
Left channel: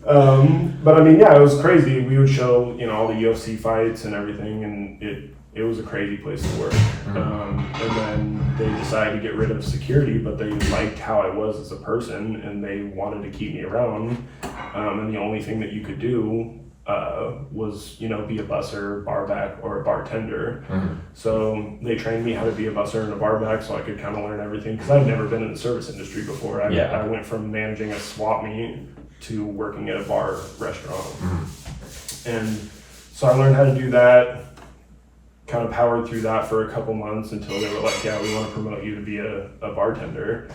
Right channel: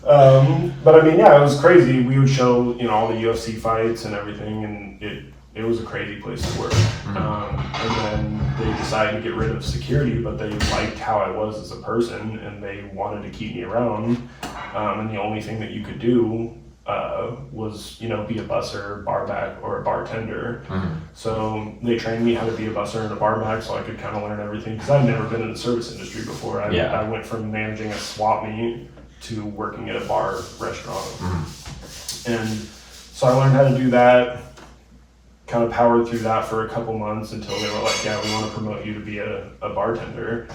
But I mean, yeah, it was crazy. We would show, all the UFC fights and everything, and it was a crazy place to work. And then they decided to get rid of security, but they liked how I was as a person, and they wanted to keep me around. And the only thing that you could do was, be a busser, barback, or a bartender. So they trained me how to be a busser and a barback, so I could kind of learn everything, because I'd never been in the service industry before. I went from managing a swap meet to working at a bar restaurant. And so I learned how to do that, kind of powered through that for a couple months until they were like, yeah, we want to promote you to be a bartender.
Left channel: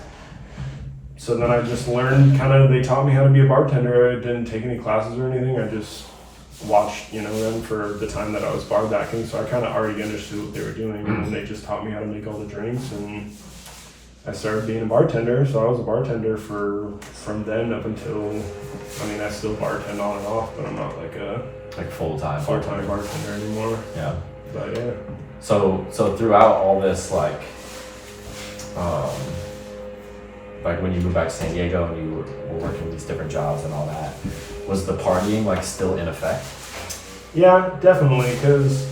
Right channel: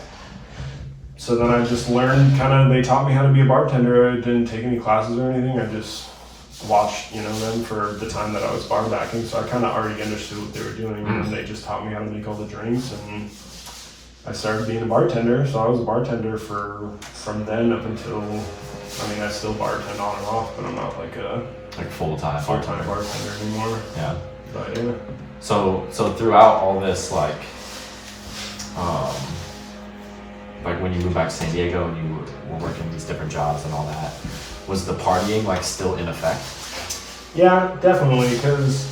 So then I just learned they taught me how to be a bartender. I didn't take any classes or anything. I just watched, them for the time that I was bar backing. So I kind of already understood what they were doing, and they just taught me how to make all the drinks, and I started being a bartender. So I was a bartender from then up until, I still bartend on and off, but I'm not like a full-time bartender anymore. Yeah. But yeah. So throughout all this, like when you moved back to San Diego and you were working these different jobs and all that, was the partying like still in effect? Yeah, definitely. Because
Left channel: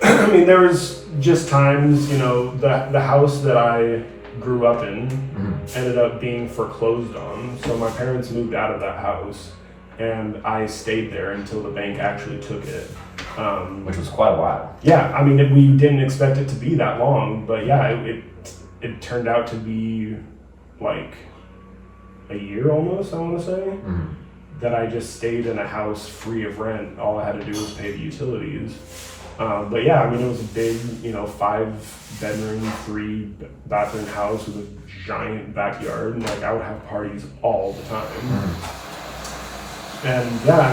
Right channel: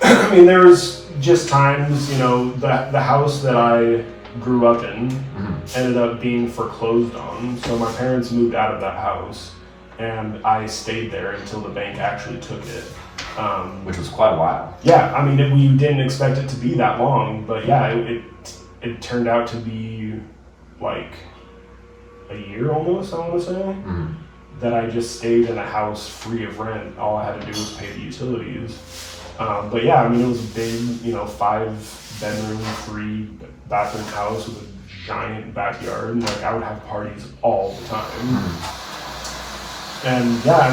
there was just times, the house that I grew up in ended up being foreclosed on. So my parents moved out of that house, and I stayed there until the bank actually took it. Which was quite a while. Yeah, we didn't expect it to be that long, but yeah, it turned out to be like a year almost, I want to say, that I just stayed in a house free of rent. All I had to do was pay the utilities. But yeah, it was a big, 5-bedroom, 3-bathroom house with a giant backyard, and I would have parties all the time. And yeah,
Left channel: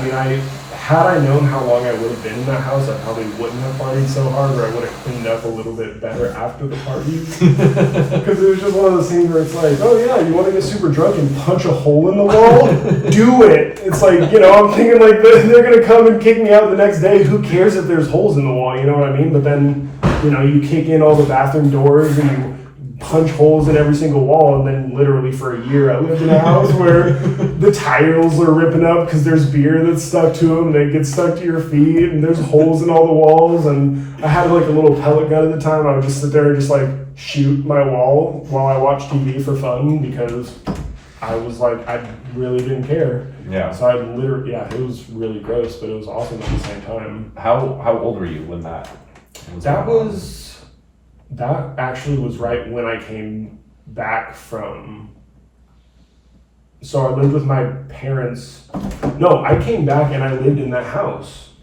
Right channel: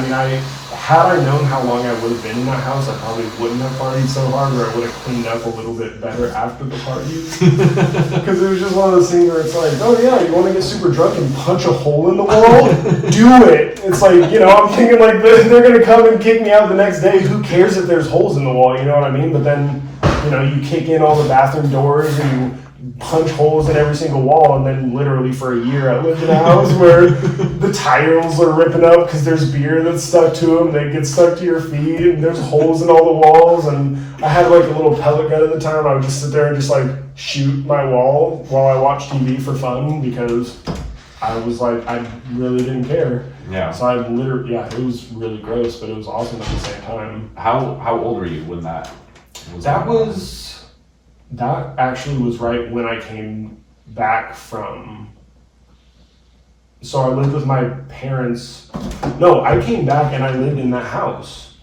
had I known how long I would have been in that house, I probably wouldn't have partied so hard, or I would have cleaned up a little bit better after the parties. Because it was just one of those things where it's like, oh yeah, you want to get super drunk and punch a hole in the wall? Do it! It's like, I'm thinking like, they're going to come and kick me out the next day. Who cares if there's holes in the wall, you know what I mean? But then, you kick in all the bathroom doors and you punch holes in every single wall, and then literally for a year I lived in a house where the tiles are ripping up because there's beer that's stuck to them, they get stuck to your feet, and there's holes in all the walls. And I had like a little pellet gun at the time. I would just sit there and just like shoot my wall while I watched TV for fun, because I was like, I really didn't care. Yeah. So I literally, it was really gross, but it was awesome at the same time. How old were you when that was? That actually was right when I came back from. So I lived with my parents. No, I came back and I lived in that house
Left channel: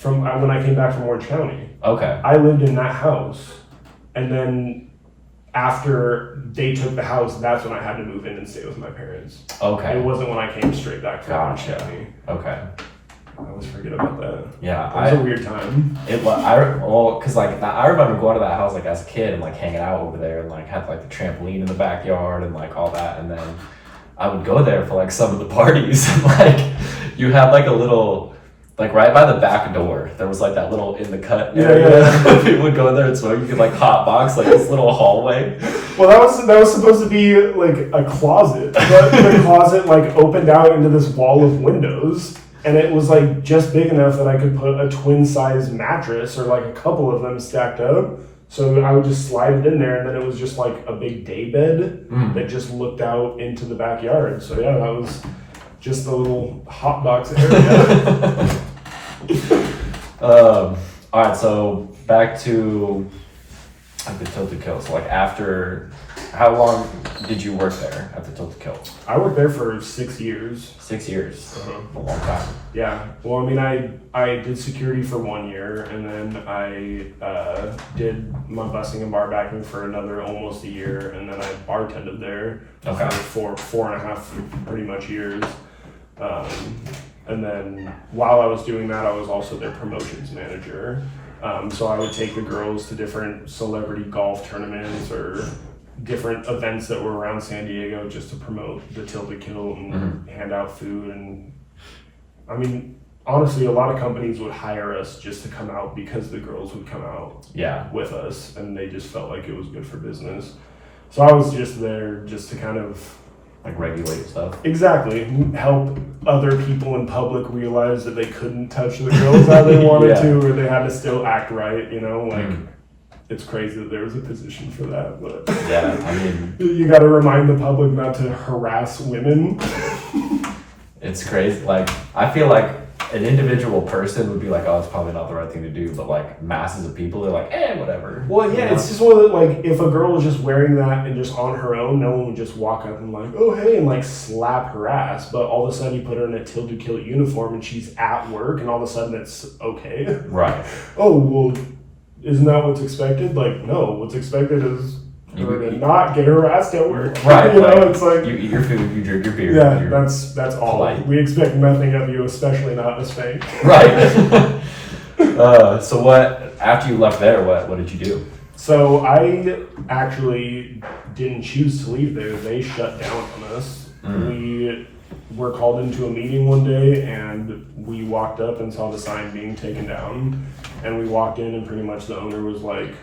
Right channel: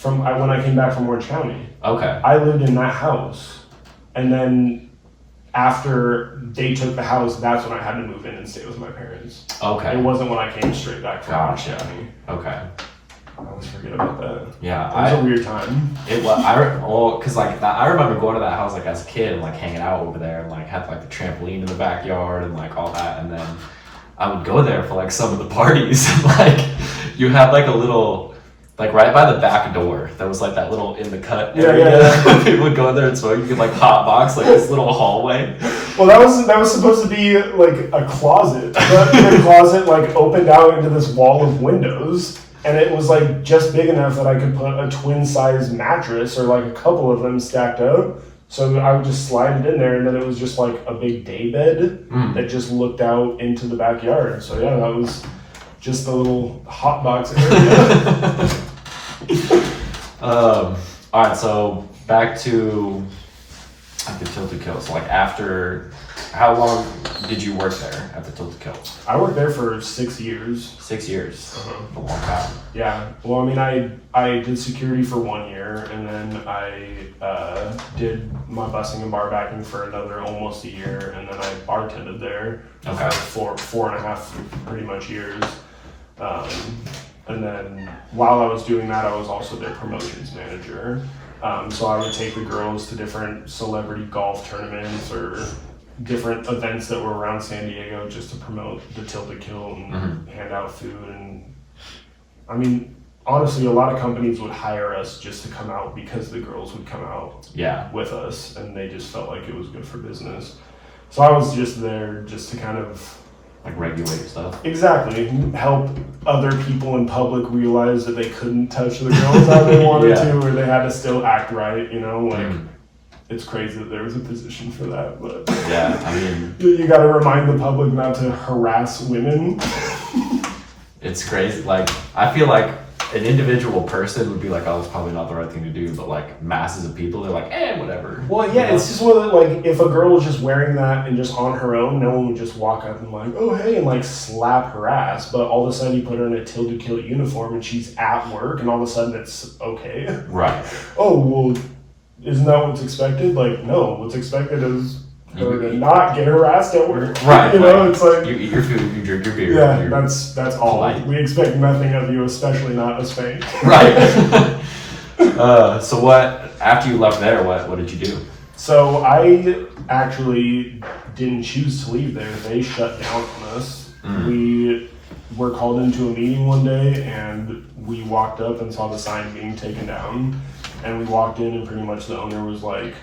when I came back from Orange County. Okay. I lived in that house, and then after they took the house, that's when I had to move in and stay with my parents. Okay. It wasn't when I came straight back from Orange County. Okay. I always forget about that. Yeah, it was a weird time. It was, because like I remember going to that house like as a kid and like hanging out over there, and like had like the trampoline in the backyard and like all that, and then I would go there for like some of the parties, and like you had like a little, like right by the back door, there was like that little in the cut area. Yeah. People would go there and smoke. You could like hot box like this little hallway. Well, that was supposed to be like a closet. The closet like opened out into this wall of windows. And it was like just big enough that I could put a twin size mattress or like a couple of them stacked up. So I would just slide it in there, and then it was just like a big day bed that just looked out into the backyard. So yeah, that was just the little hot box area. All right, so back to like the Tilted Coast. So like after How long did you work there at the Tilt to Kill? I worked there for 6 years. 6 years. Uh-huh. A long time. Yeah. Well, I mean, I did security for 1 year, and then I did my busing and bar backing for another almost a year, and then I bartended there for four and a half pretty much years. And then while I was doing that, I was also their promotions manager. So I would take the girls to different celebrity golf tournaments or different events that were around San Diego just to promote the Tilt to Kill and hand out food. And I mean, honestly, a lot of companies would hire us just to come out because the girls would come out with us, and they just felt like it was good for business. So I was just there just to kind of like regulate stuff. Exactly. Help other people in public realize that they couldn't touch the girls how they wanted to, or they had to still act right, you know, like it's crazy that there was a position for that, but yeah, I mean, you got to remind the public not to harass women. It's crazy. Like, I feel like an individual person would be like, oh, it's probably not the right thing to do, but like masses of people, they're like, whatever. Well, yeah, it's just one of the, like, if a girl was just wearing that and just on her own, no one would just walk up and like, oh, hey, and like slap her ass, but all of a sudden you put her in a Tilt to Kill uniform and she's at work and all of a sudden it's okay. Right. Oh, well, isn't that what's expected? Like, no, what's expected is her to not get harassed at work. Right. You know, it's like, you eat your food, you drink your beer. Yeah, that's all. Polite. We expect nothing of you, especially not a spank. Right. So what, after you left there, what did you do? So I actually didn't choose to leave there. They shut down on us. We were called into a meeting one day and we walked up and saw the sign being taken down. And we walked in and pretty much the owner was like,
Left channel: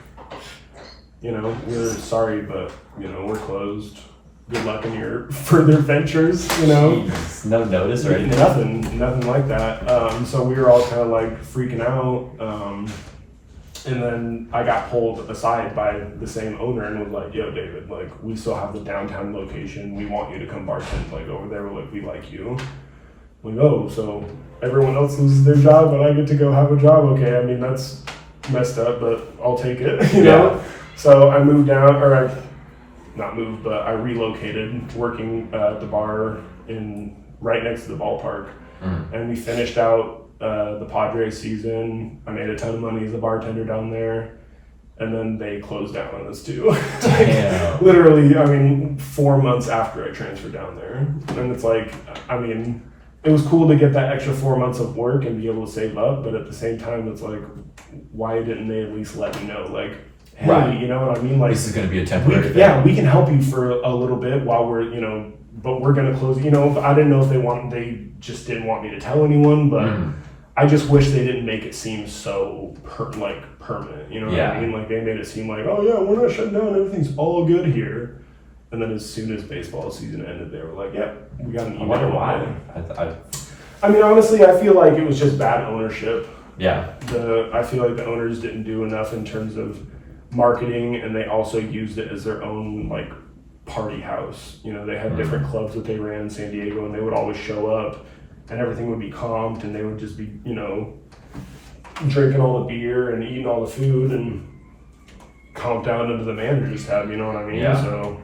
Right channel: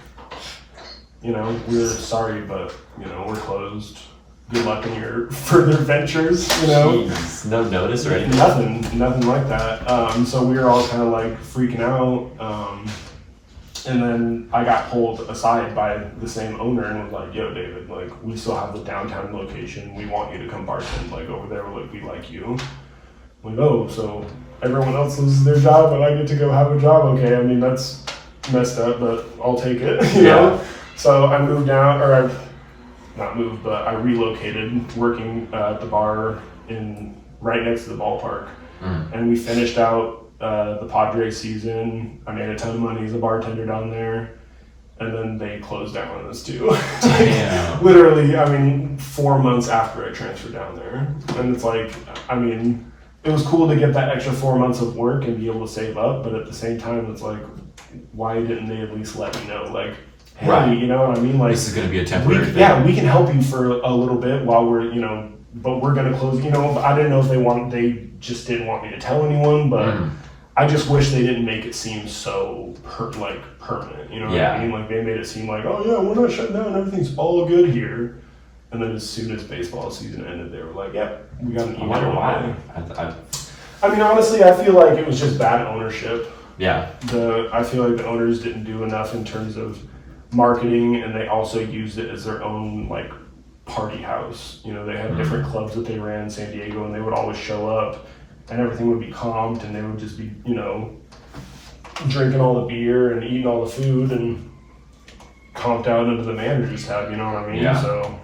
you know, we're sorry, but, you know, we're closed. Good luck in your further ventures, you know? Jeez, no notice or anything? Nothing like that. So we were all kind of like freaking out. And then I got pulled aside by the same owner and was like, yo, David, like, we still have the downtown location. We want you to come bartend, like, over there. Like, we like you. I'm like, oh, so everyone else loses their job, but I get to go have a job? Okay, I mean, that's messed up, but I'll take it, you know? So I moved down, or I, not moved, but I relocated, working at the bar right next to the ballpark. And we finished out the Padres season. I made a ton of money as a bartender down there. And then they closed down on us too. Damn. Literally, I mean, 4 months after I transferred down there. And it's like, I mean, it was cool to get that extra 4 months of work and be able to save up. But at the same time, it's like, why didn't they at least let me know? Like, hey, you know what I mean? Like, this is going to be a temporary thing. Yeah, we can help you for a little bit while we're, you know, but we're going to close, you know. I didn't know if they just didn't want me to tell anyone, but I just wish they didn't make it seem so permanent, you know what I mean? Like, they made it seem like, oh yeah, we're not shut down, everything's all good here. And then as soon as baseball season ended, they were like, yep, we got an email. I wonder why. I mean, honestly, I feel like it was just bad ownership. Yeah. I feel like the owners didn't do enough in terms of marketing, and they also used it as their own like party house. You know, they had different clubs that they ran in San Diego, and they would always show up and everything would be comped, and they would just be, you know, drinking all the beer and eating all the food and comped out into the manager's tab, you know what I mean? Yeah. So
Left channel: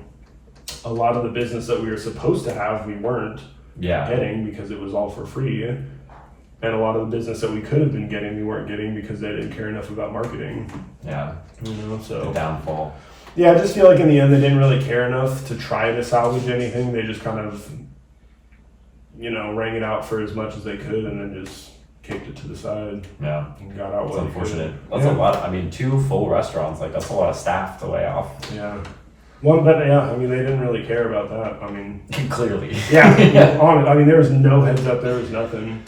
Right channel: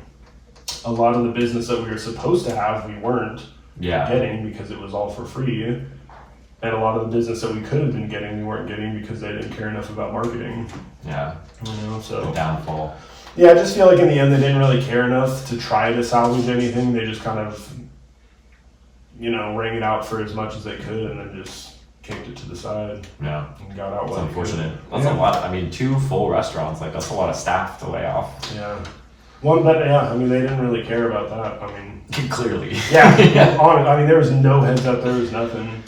a lot of the business that we were supposed to have, we weren't getting because it was all for free. And a lot of the business that we could have been getting, we weren't getting because they didn't care enough about marketing. Yeah. You know, so. The downfall. Yeah, I just feel like in the end they didn't really care enough to try to salvage anything. They just kind of, you know, rang it out for as much as they could and then just kicked it to the side. Yeah. And got out. That's unfortunate. That's a lot. I mean, 2 full restaurants, like, that's a lot of staff to lay off. Yeah. One, but yeah, I mean, they didn't really care about that. I mean. Clearly. Yeah. I mean, there was no heads up, there was nothing.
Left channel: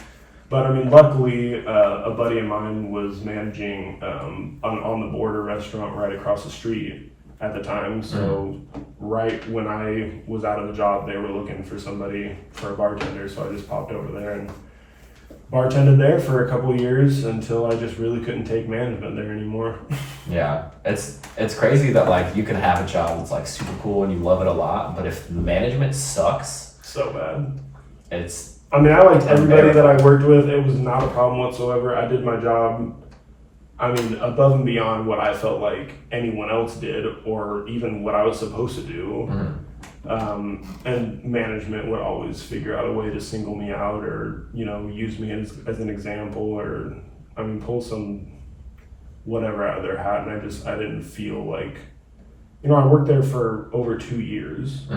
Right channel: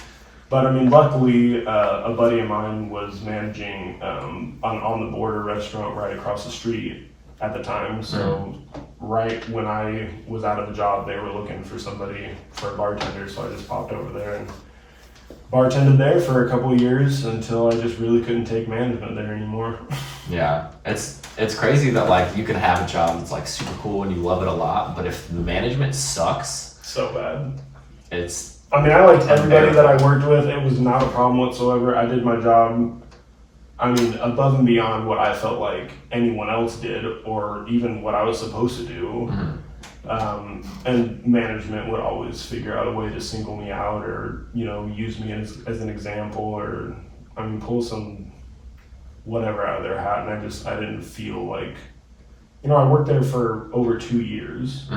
But I mean, luckily, a buddy of mine was managing on the border restaurant right across the street at the time. So right when I was out of the job, they were looking for somebody for a bartender. So I just popped over there and bartended there for a couple of years until I just really couldn't take management there anymore. Yeah, it's crazy that like you can have a job that's like super cool and you love it a lot, but if the management sucks, so bad. It's. I mean, I liked everybody that I worked with. It was not a problem whatsoever. I did my job. I mean, above and beyond what I felt like anyone else did, or even what I was supposed to do. And management would always figure out a way to single me out, or use me as an example, or pull some whatever out of their hat. And I didn't feel like, I worked there for over 2 years,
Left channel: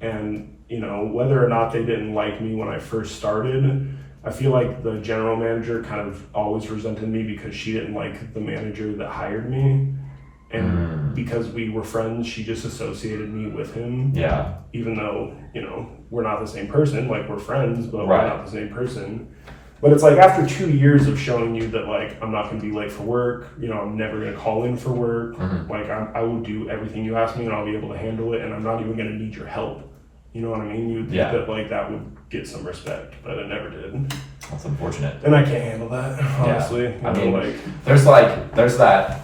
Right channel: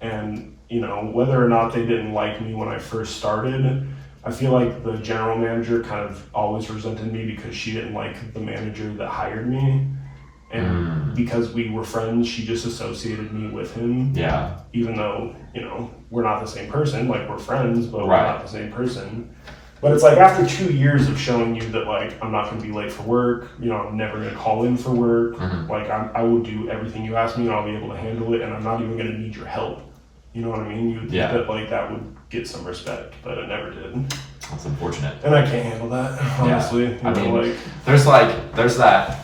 and whether or not they didn't like me when I first started, I feel like the general manager kind of always resented me because she didn't like the manager that hired me. And because we were friends, she just associated me with him. Yeah. Even though, we're not the same person. Like, we're friends, but right. We're not the same person. But it's like after 2 years of showing you that, like, I'm not going to be late for work, I'm never going to call in for work. Like, I will do everything you ask me and I'll be able to handle it, and I'm not even going to need your help. You know what I mean? You would think that, like, that would get some respect, but it never did. That's unfortunate. And I can't handle that, honestly. Yeah. There's that,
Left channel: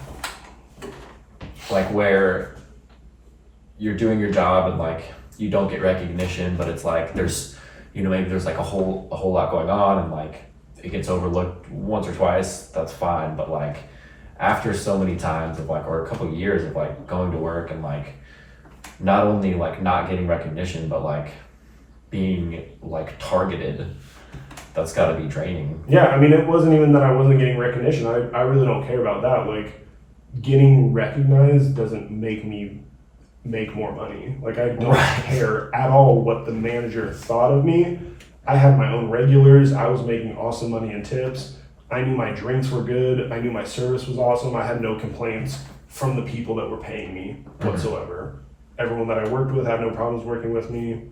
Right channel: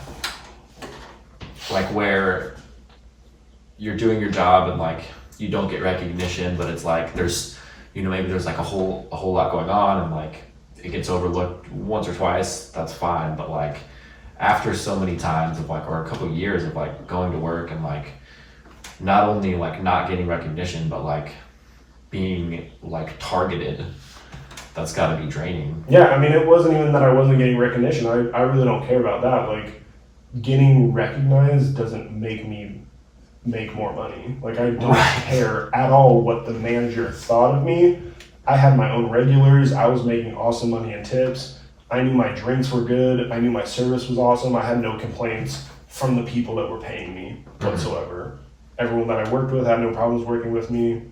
like, where you're doing your job and, like, you don't get recognition, but it's like there's maybe there's like a whole lot going on, and like it gets overlooked once or twice, that's fine. But like after so many times of like, or a couple of years of like going to work and like not only like not getting recognition, but like being like targeted, that's got to be draining. Yeah, it wasn't even that I wasn't getting recognition. I really don't care about that. Like, getting recognized doesn't make me make more money. Like, I don't care at all what the manager thought of me. I had my own regulars. I was making awesome money in tips. I knew my drinks were good. I knew my service was awesome. I had no complaints from the people that were paying me whatsoever. Everyone that I worked with had no problems working with me.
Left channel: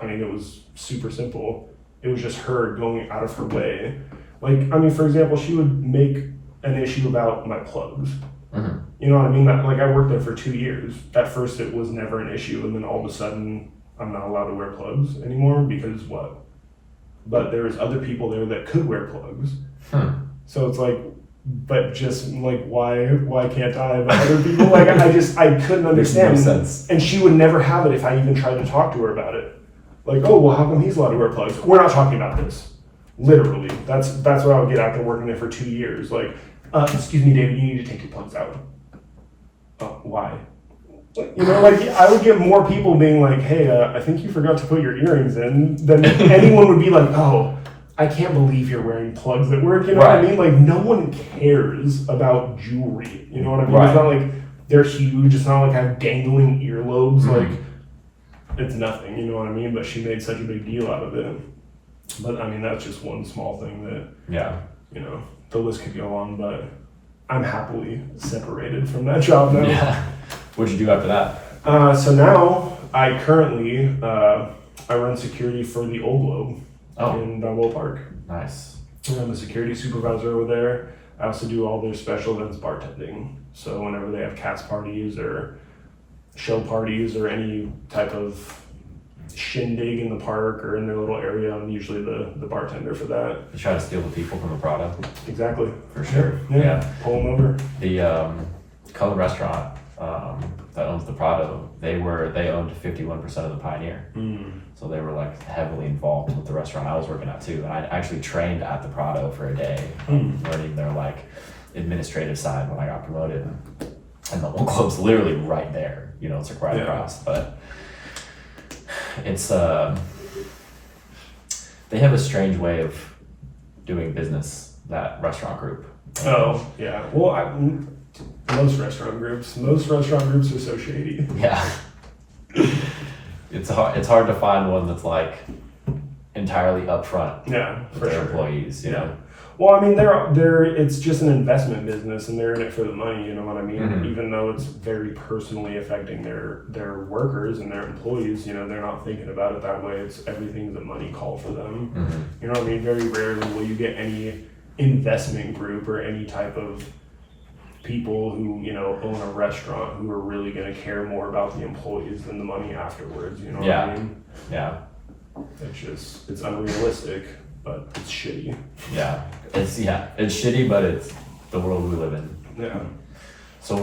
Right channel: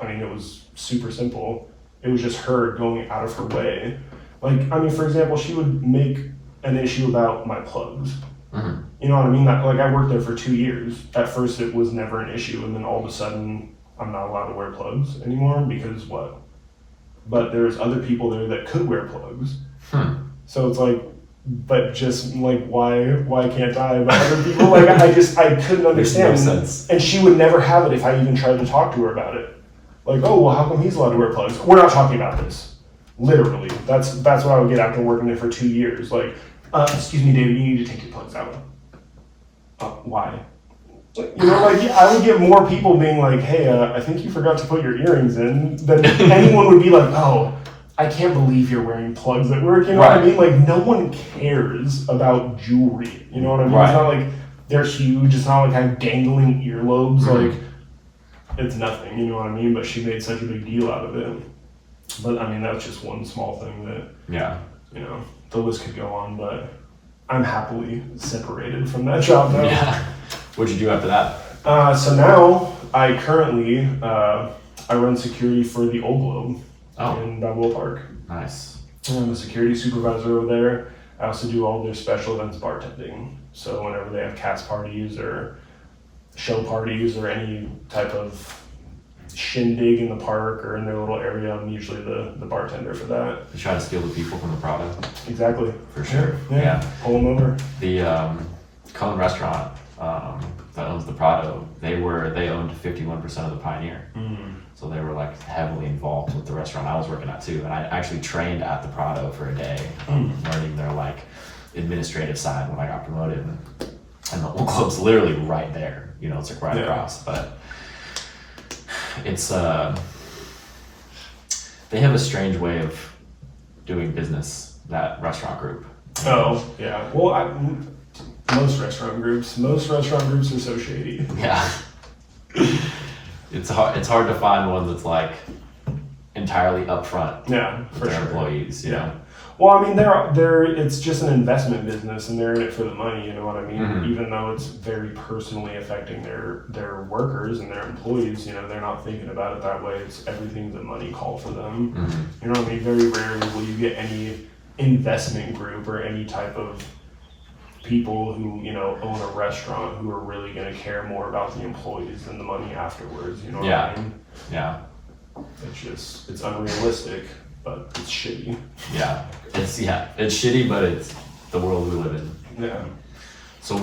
It was super simple. It was just her going out of her way. Like, for example, she would make an issue about my plugs. You know what I mean? Like, I worked there for 2 years. At first, it was never an issue, and then all of a sudden, I'm not allowed to wear plugs anymore because what? But there's other people there that could wear plugs. So it's like, but just like, why can't I? But other people, like, I couldn't understand. Makes no sense. And she would never have it if I even tried to talk to her about it. Like, oh, well, how come he's allowed to wear plugs? We're not talking about this. Literally, that's what I would get after working there for 2 years. Like, excuse me, David, you need to take your plugs out. Why? Like, I would get more people being like, hey, I think you forgot to put your earrings in, than anyone would be like, oh, I can't believe you're wearing plugs at work. You know what I mean? Like, no one cares about jewelry. You know what I mean? Right. It's not like they're huge. It's not like I have dangling earlobes. Like, it's nothing. You know what I mean? But she made such a big deal out of it. But, that's just one small thing that, the list could go on, but I'm happily separated from that job now. Yeah. What'd you do after that? So now I currently I run security for the Old Globe in Balboa Park. Nice. I'm a security supervisor over there. I also do all their special events bartending. So whenever they have cast parties or show parties or any type of shindig in the park or in their little area, I'm usually the bartender for that. You try to steal the people from the Prado? Exactly. For sure. Yeah. Pull them over. The Cullen restaurant that owns the Prado, they owned 51% of the Pioneer. So they were like heavily involved with the restaurant I was working at too. And I actually trained at the Prado for a day, learning their like administrative side when I got promoted. And the Old Globe's literally right there. It's like right across. But it's they have a strange way of doing business, that restaurant group. Oh yeah, well, most restaurant groups are so shady. Yeah. It's hard to find one that's like entirely upfront with their employees, you know. Well, they're it's just an investment business, and they're in it for the money. You know what I mean? Even though it's very personally affecting their workers and their employees, they're not thinking about it that way. It's everything's a money call for them. You know what I mean? Very rarely will you get any investment group or any type of people who own a restaurant who are really going to care more about the employees than the money afterwards. You know what I mean? Yeah. It's unrealistic, but it's shitty. Yeah. It's shitty, but it's the world we live in. Yeah. So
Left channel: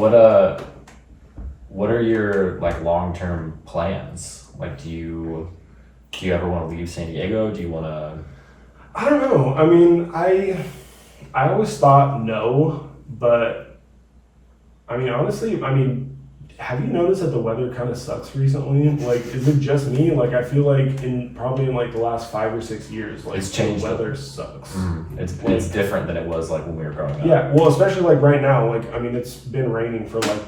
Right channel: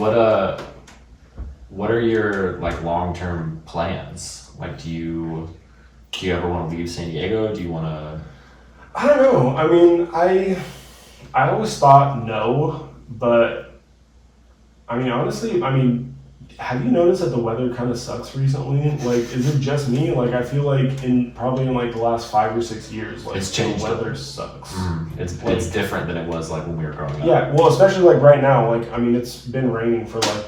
what are your like long-term plans? Like, do you ever want to leave San Diego? Do you want to? I don't know. I always thought no, But I mean, honestly, have you noticed that the weather kind of sucks recently? Like, is it just me? Like, I feel like probably in like the last 5 or 6 years, like It's changed. the weather sucks. It's different than it was like when we were growing up. Yeah, well, especially like right now. Like, I mean, it's been raining for like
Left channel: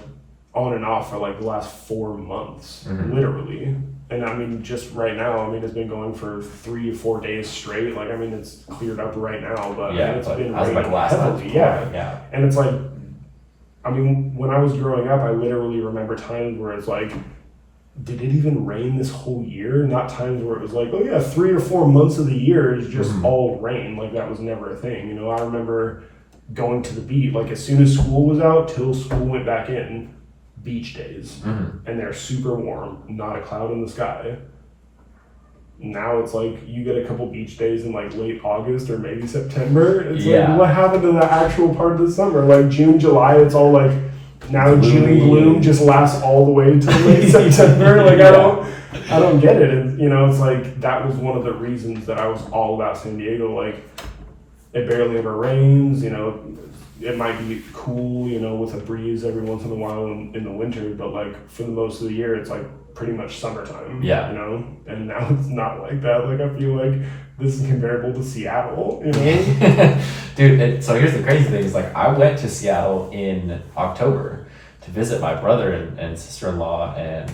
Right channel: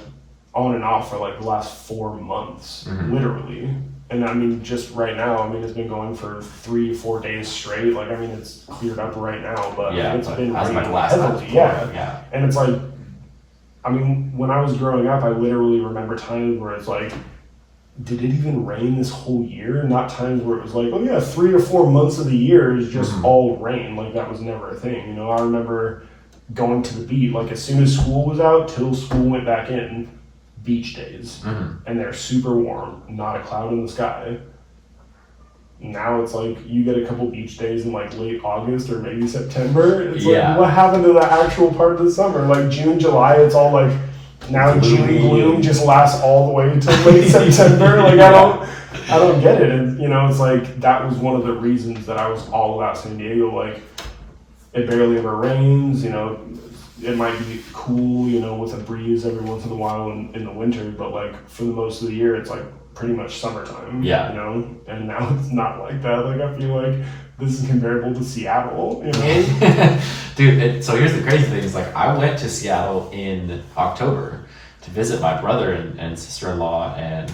on and off for like the last 4 months, literally. And I mean, just right now, I mean, it's been going for 3-4 days straight. Like, I mean, it's cleared up right now, but Yeah, I mean, it's been as raining like last time heavily. before, Yeah, yeah. and it's like, I mean, when I was growing up, I literally remember times where it's like, did it even rain this whole year? Not times where it was like, oh yeah, 3 or 4 months of the year is just all rain. Like, that was never a thing. You know, I remember going to the beach, like as soon as school was out till school went back in, beach days. And they're super warm, not a cloud in the sky. Now it's like you get a couple beach days in like late August or maybe September. It's like, what happened to the actual part of the summer? Like June, July, it's all like, now June gloom just lasts all the way to late September. Like I don't get it. And, you know, it's like that was one of the reasons that I was all about San Diego. Like it barely ever rains, you know. It might be cool, you know, with a breeze every once in a while in the winter, but like for the most of the year, it's like pretty much summertime. Yeah. You know, and now it's not like that. Like I feel like this is comparable to Seattle. You know, dude. So here's the crazy thing: is like I went to Seattle in October to visit my brother and sister-in-law, and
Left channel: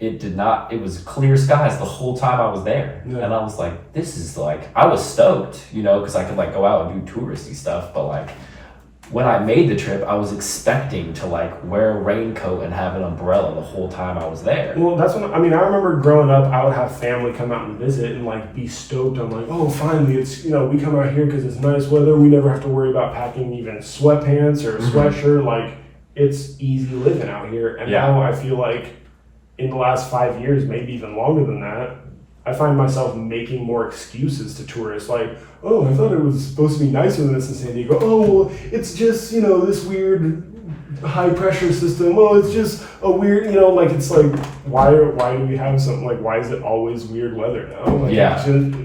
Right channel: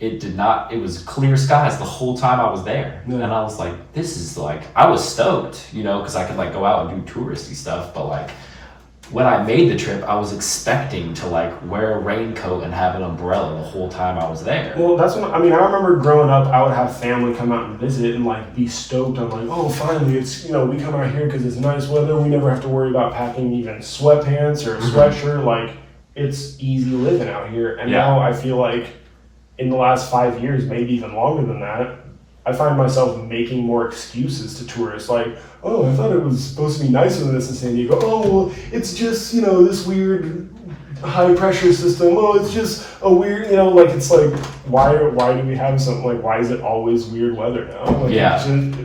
it was clear skies the whole time I was there. And I was like, this is like, I was stoked, you know, because I could like go out and do touristy stuff, but like when I made the trip, I was expecting to like wear a raincoat and have an umbrella the whole time I was there. Well, that's what I mean. I remember growing up, I would have family come out and visit and like be stoked. I'm like, oh, finally, it's, you know, we come out here because it's nice weather. We never have to worry about packing even sweatpants or a sweatshirt. Like it's easy living out here. And now I feel like in the last 5 years, maybe even longer than that, I find myself making more excuses to tourists. Like, oh, I thought it was supposed to be nicer than this in San Diego. Oh, well, it's just, you know, this weird high pressure system. Oh, it's just a weird, you know, like, it's like, why do we have something like, why is it always weird weather now? Like,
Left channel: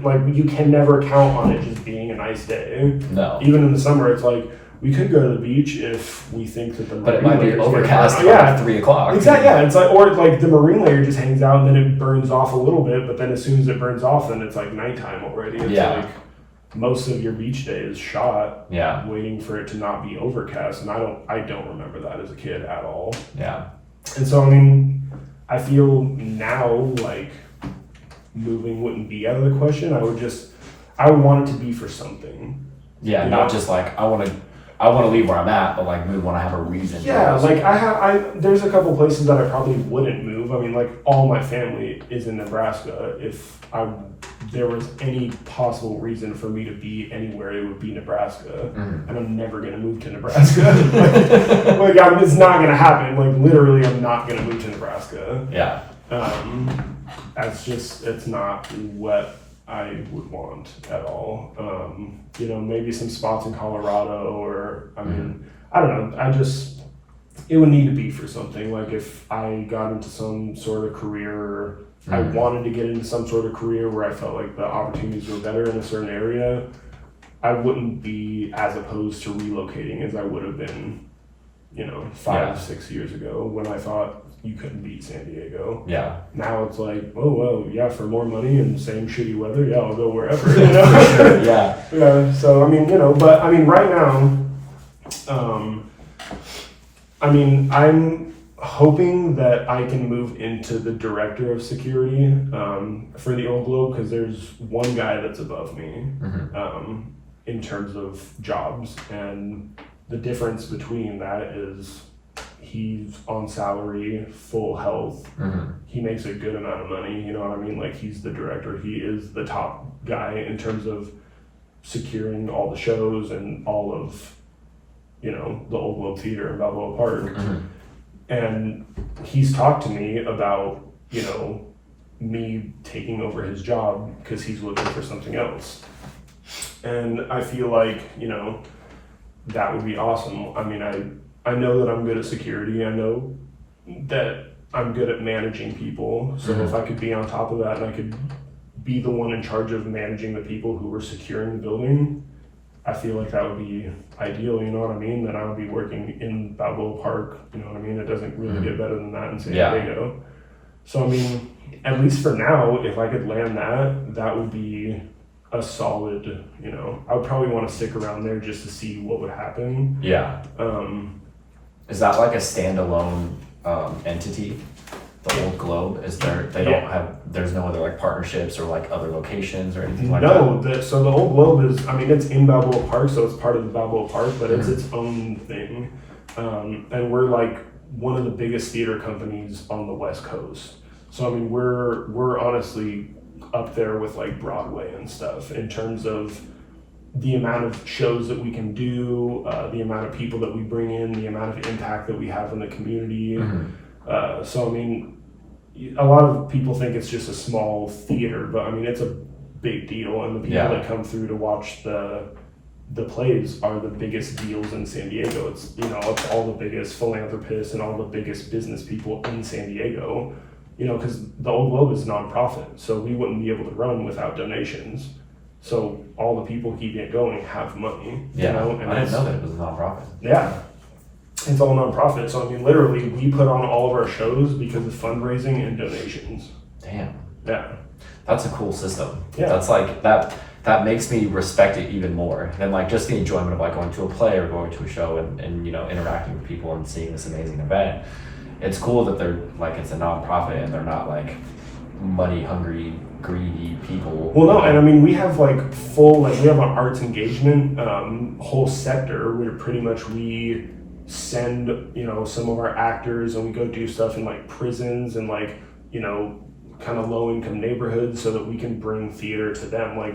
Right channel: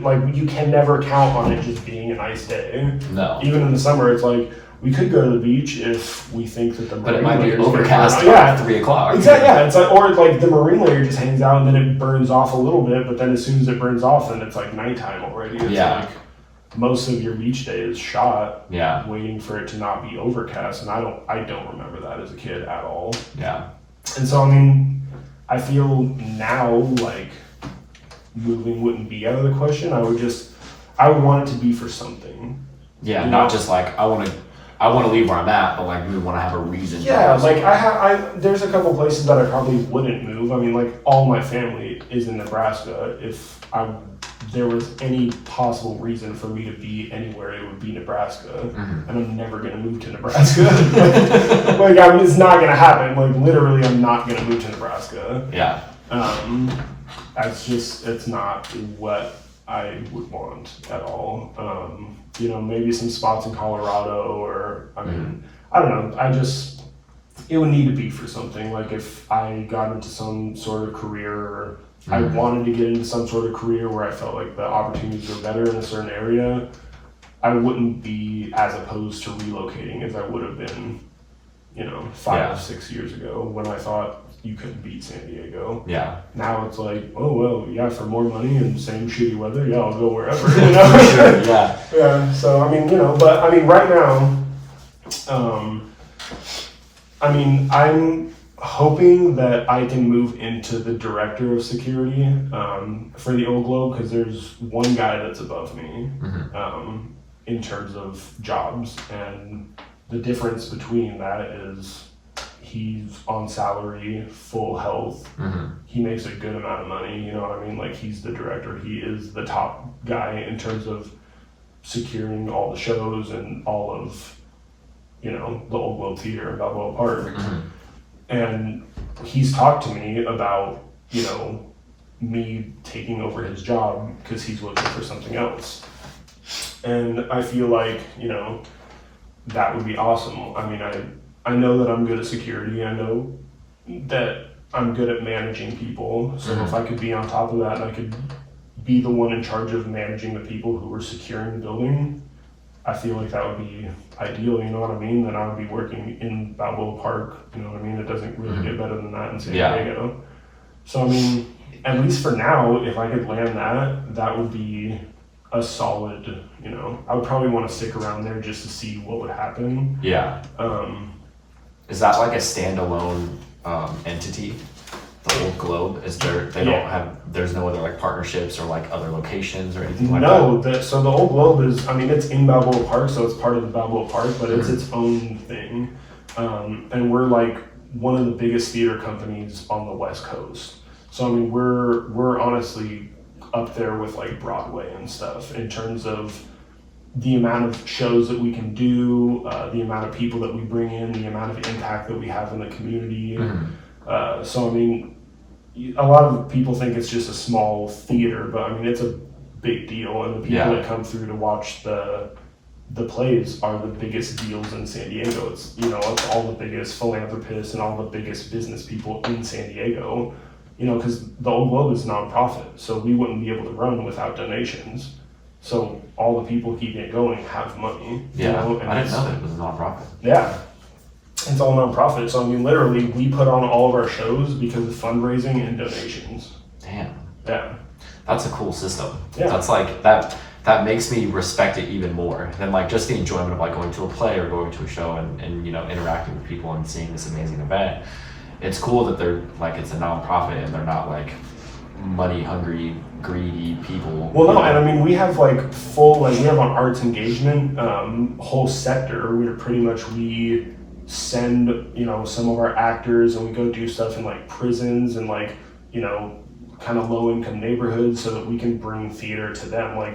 like you can never count on it just being a nice day. No. Even in the summer, it's like, we could go to the beach if we think that the marine but it might be layer's overcast at 3 o'clock. Exactly, yeah. It's like, or like the marine layer just hangs out and then it burns off a little bit, but then as soon as it burns off, then it's like nighttime already. It's like most of your beach day is shot waiting for it to not be overcast, and I don't remember that as a kid at all. Yeah. And so I mean, I feel now like moving wouldn't be out of the question. I would want it to be for something. Yeah, not just like I want to leave where I'm at, but like we want to have a reason. Yeah, like there's a couple places that I probably wouldn't move. I mean, like all my family is in Nebraska. If there was any possible reason for me to be anywhere, it would be Nebraska. And I'm never gonna move to Nebraska. Like it's not gonna happen. Like literally, I'm not gonna move to Nebraska. Yeah. It's not what I would want at all. You know, maybe some spots in Colorado or, I mean, I don't know. It would need to be for something. Like if I got into some sort of career or I wanted to get into some sort of career where I felt like the opportunities were better in a certain area, I wouldn't be as opposed to relocating as I would have been, you know, 5 or 6 years ago when I thought you couldn't beat San Diego. Yeah. Now it's like, oh, well, yeah, for more money and same shitty weather, yeah, I'll go wherever, you know? Yeah. Yeah, so, I mean, you know, but, I mean, right now, I mean, I'm hoping that I can move into the director of security for the Old Globe, because there's one guy that's above me in terms of jobs, and the difference between that is he's on salary, full health. He makes a good amount of money, you know what I mean? Like, he's the director. He is the top guy in terms of securing all the shows and all of, you know, the Old Globe Theater in Balboa Park. And he's talked to me about, you know, me taking over his job because he's looking for something else. And I feel like, you know, that would be awesome. I mean, I know that I'm good at security. I know that I'm good at managing people. So if I could be on top of that and I could be the one in charge of managing the people who were securing the building, I feel like that would be ideal, you know what I mean? Then I would be working in Balboa Park, you know what I mean? It doesn't really get better than that in San Diego. So I mean, at least for now, if I could land that, that would be a solid, you know, I would probably want to stick around there just to see what would happen. Yeah. Is that like a standalone entity? The Old Globe? Is there, they don't have, there's no other like partnerships or like other locations or anything like that? No, so the Old Globe is, I mean, it's in Balboa Park, so it's part of the Balboa Park, but it's its own thing. And we're like one of the biggest theater companies on the West Coast. So I mean, we're honestly up there with like Broadway and stuff in terms of the amount of shows that we can do, the amount of people that we bring in, the amount of impact that we have in the community. So I mean, a lot of people think it's just a small theater, but I mean, it's a big deal, and the people that come through to watch the plays are the biggest deals in San Diego. It's, you know, it's all the biggest philanthropists and all the biggest business people in San Diego, you know, because the Old Globe is nonprofit, so we wouldn't be able to run without donations. So all the people keeping it going have money. Yeah, you know? And I didn't know that it was a nonprofit. Yeah. It's all nonprofit. So I mean, literally, we put on all of our shows because of fundraising and donations. Damn. Yeah. That's a cool system. Yeah. That's like that makes me respect it even more than like just the enjoyment of like going to a play or going to a show and you know, interacting with people and seeing this amazing event. It's cool that they're like, it's a nonprofit and they're not like money hungry, greedy people. Well, no, and I mean, we have like full, like we have an arts engagement whole sector where pretty much we send, you know, some of our actors and we go do stuff in like prisons and like, you know, kind of low income neighborhoods so that we can bring theater to them. Like,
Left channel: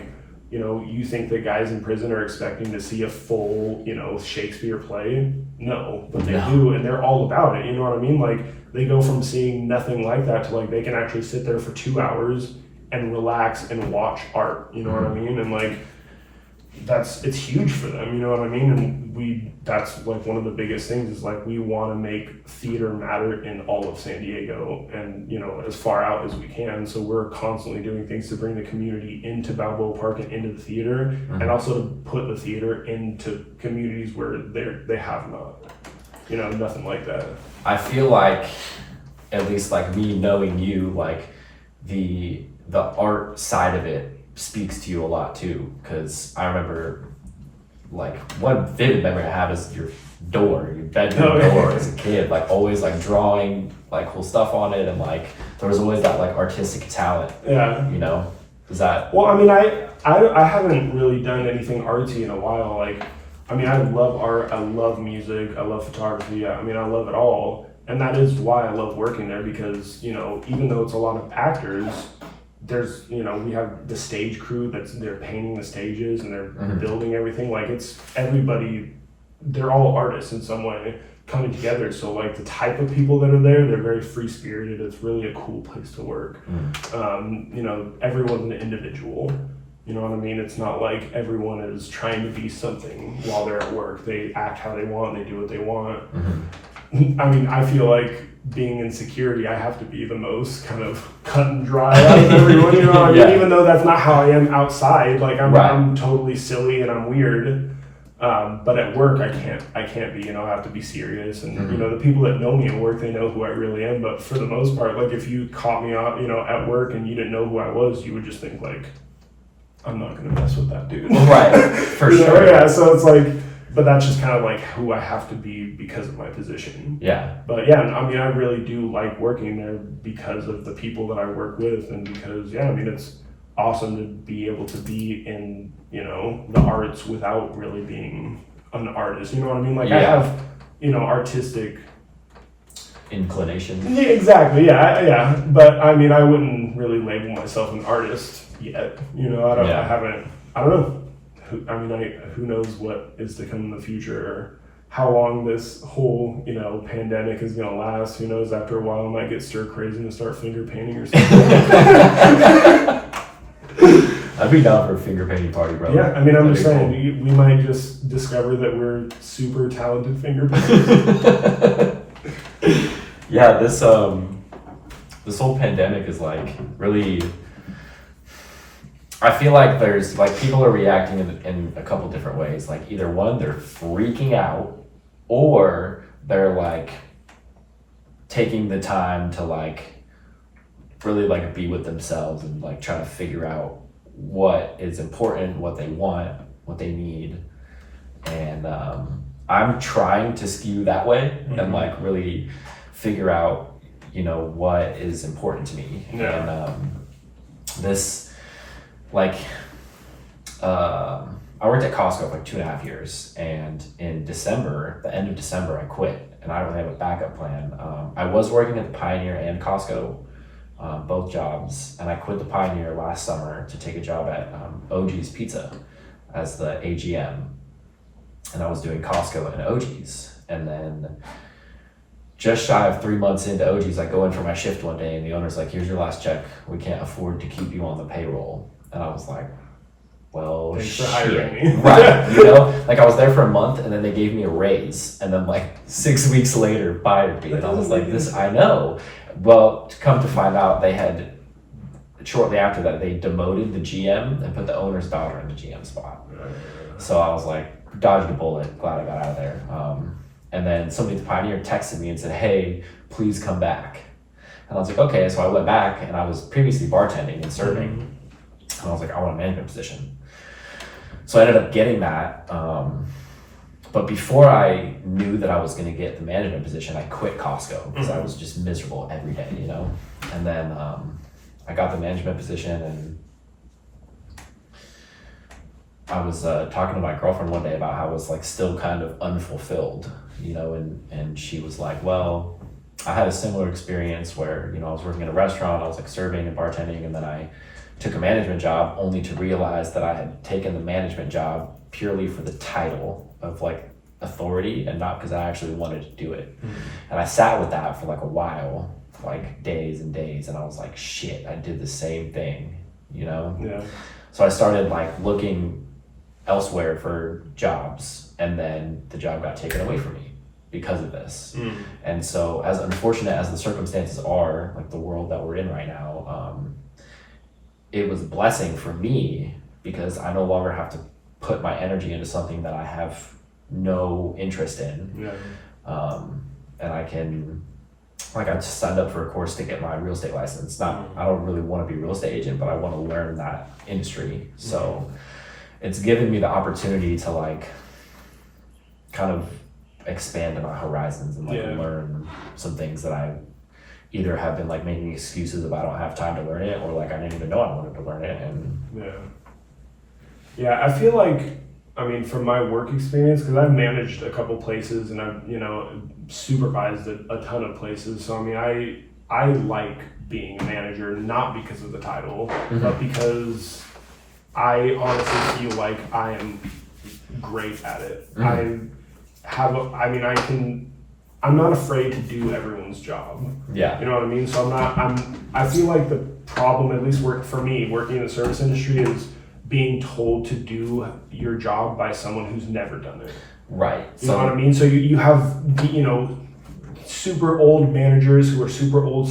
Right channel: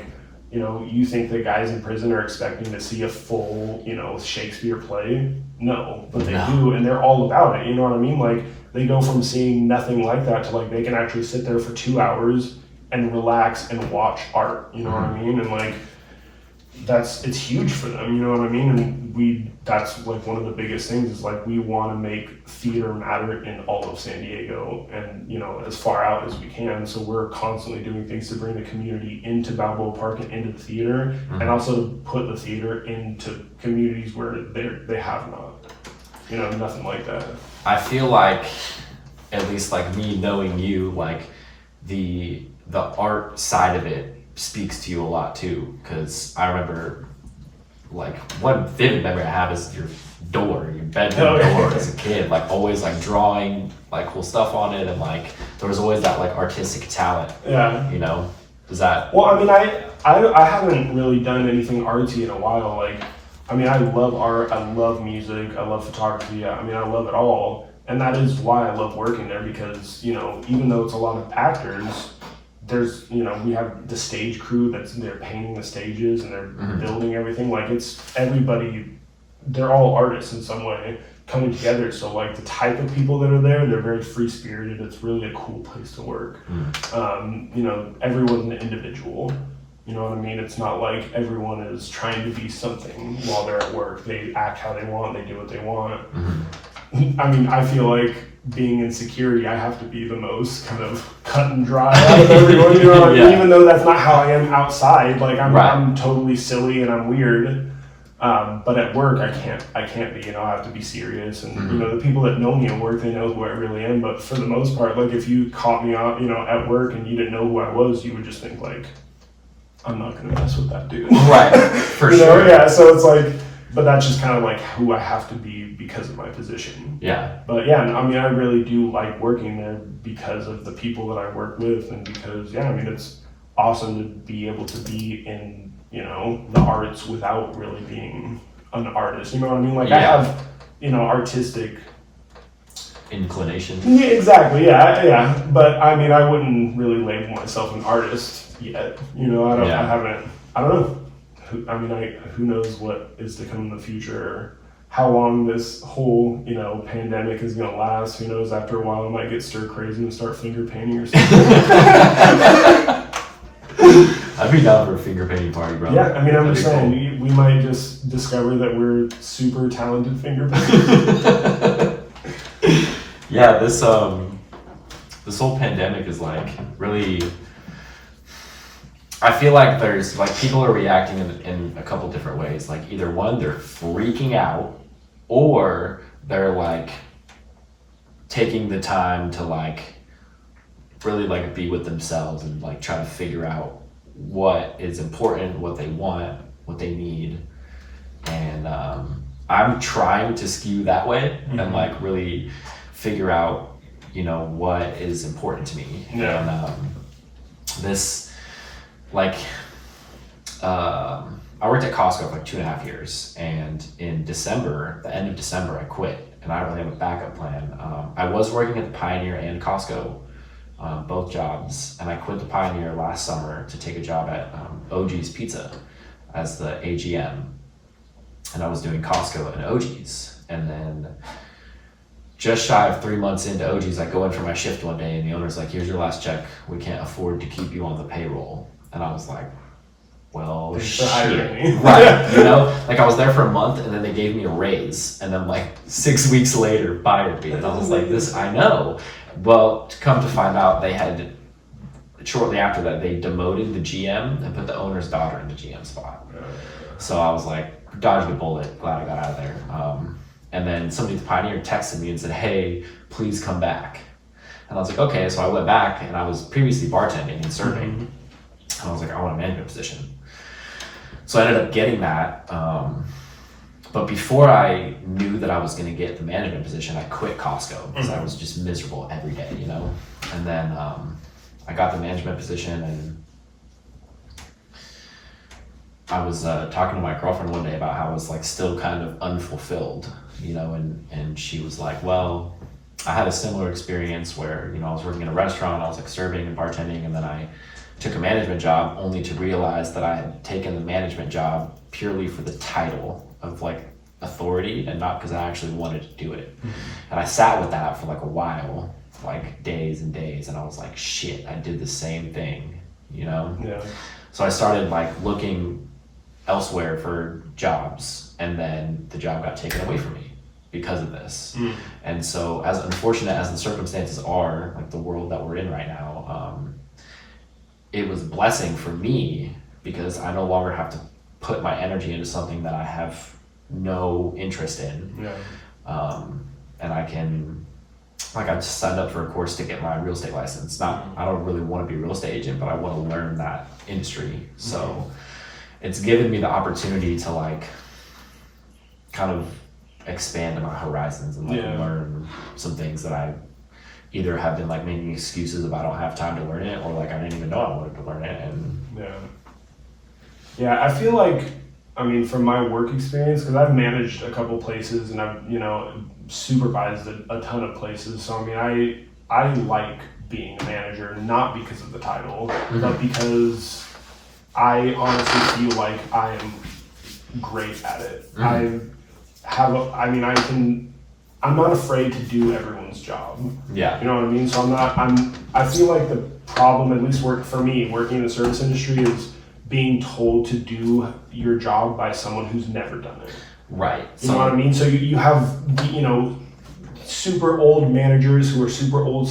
you know, you think that guys in prison are expecting to see a full, you know, Shakespeare play? No, but they do, and they're all about it, you know what I mean? Like, they go from seeing nothing like that to like, they can actually sit there for 2 hours and relax and watch art, you know what I mean? And like, it's huge for them, you know what I mean? And that's like one of the biggest things is like, we want to make theater matter in all of San Diego and, you know, as far out as we can. So we're constantly doing things to bring the community into Balboa Park and into the theater, and also to put the theater into communities where they have not, you know, nothing like that. I feel like, at least like me knowing you, like the art side of it speaks to you a lot too, because I remember like one vivid memory I have is your bedroom door as a kid, like always like drawing like cool stuff on it, and like there was always that like artistic talent. Yeah. You know, is that? Well, I mean, I haven't really done anything artsy in a while. Like, I mean, I love art, I love music, I love photography. I mean, I love it all, and that is why I love working there, because, you know, even though it's a lot of actors, there's, you know, we have the stage crew they're painting the stages and they're building everything. Like, it's everybody, they're all artists in some way coming together. So like the type of people that are there, they're very free spirited. It's really a cool place to work. You know, everyone's an individual. You know what I mean? It's not like everyone is trying to be something while they're at work. They act how they want, they do what they want. I mean, I feel like being in security, I have to be the most kind of cut and dry out of everyone, you know what I mean? Even though that's not how I am outside. Like, I'm totally silly and I'm weird. But at work, I can't be, you know, I have to be serious. And, you know, the people that know me at work, they know who I really am. But for the most part, like, if you caught me out, you know, at work and you didn't know who I was, you would just think, like, I'm not going to mess with that dude. Right, for sure. Yeah, so it's like, but that's just kind of like who I have to be because of my position. Yeah. But yeah, I mean, I really do like working there because of the people that I work with, and because, yeah, I mean, it's awesome to be able to be in, you know, the arts without really being an artist. You know what I mean? Like, I have, you know, artistic inclination. Yeah, exactly. Yeah. But I mean, I wouldn't really label myself an artist yet. You know, I don't know. I mean, who knows what is to come in the future, or how long this whole, you know, pandemic is going to last. Who knows? After a while, I might get stir crazy and start finger painting or something. I'd be down for a finger painting party, brother. Yeah, I mean, I'm just saying, we might just discover that we're super talented finger painters. Yeah, this whole pandemic is like really, I feel like there's like people are reacting in a couple different ways. Like either one, they're freaking out, or they're like taking the time to like really like be with themselves and like try to figure out what is important, what they want, what they need. And I'm trying to skew that way and like really figure out, you know, what is important to me. Yeah. And this like I worked at Costco for like 2.5 years, and in December, the end of December, I quit, and I don't really have a backup plan. I was working at the Pioneer and Costco, both jobs, and I quit the Pioneer last summer to take a job at OG's Pizza as the AGM, and I was doing Costco and OG's, and then just shy of 3 months into OG's, I go in for my shift one day, and the owner's like, "Here's your last check. We can't afford to keep you on the payroll." And I was like, well, Thanks for shit. hiring me. Right, you know? Like I was there for a month, and then they gave me a raise, and then like 6 weeks later fired me. And I was like, this, I know. Well, to come to find out, they had, shortly after that, they demoted the GM and put the owner's daughter in the GM spot. So I was like, dodged a bullet, glad I got out of there. And then somebody at the Pioneer texted me and said, "Hey, please come back." And I was like, okay. So I went back, and I was previously bartending and serving. And I was like, I want a management position. So I ended up getting that. But before I knew that I was going to get the management position, I quit Costco because I was just miserable every day, you know? And then I got the management position, and I was talking to my girlfriend one day about how I was like still kind of unfulfilled, you know, and she was like, well, I had a similar experience where, you know, I was working in a restaurant, I was like serving and bartending, and then I took a management job only to realize that I had taken the management job purely for the title of like authority and not because I actually wanted to do it. And I sat with that for like a while, like days and days, and I was like, shit, I did the same thing, you know? Yeah. So I started like looking elsewhere for jobs, and then the job got taken away from me because of this. And so as unfortunate as the circumstances are, like the world that we're in right now, it was a blessing for me because I no longer have to put my energy into something that I have no interest in. Yeah. And I can, like, I just signed up for a course to get my real estate license. I don't really want to be a real estate agent, but I want to learn that industry. So it's given me the opportunity to like kind of expand my horizons and like learn some things that I either have been like making excuses about I don't have time to learn it, or like I didn't even know I wanted to learn it. And yeah, I feel like, I mean, from my work experience, because I've managed a couple places and I've, you know, supervised a ton of places. So I mean, I like being a manager, not because of the title, but because I honestly feel like I am great at it. I'm not afraid to do everyone's job. Yeah. You know what I mean? So I feel like the problem, at least for me, working in the service industry, is being told to do your job by someone who's never done it. Right. You know what I mean? So you have, you know, super old managers who are super old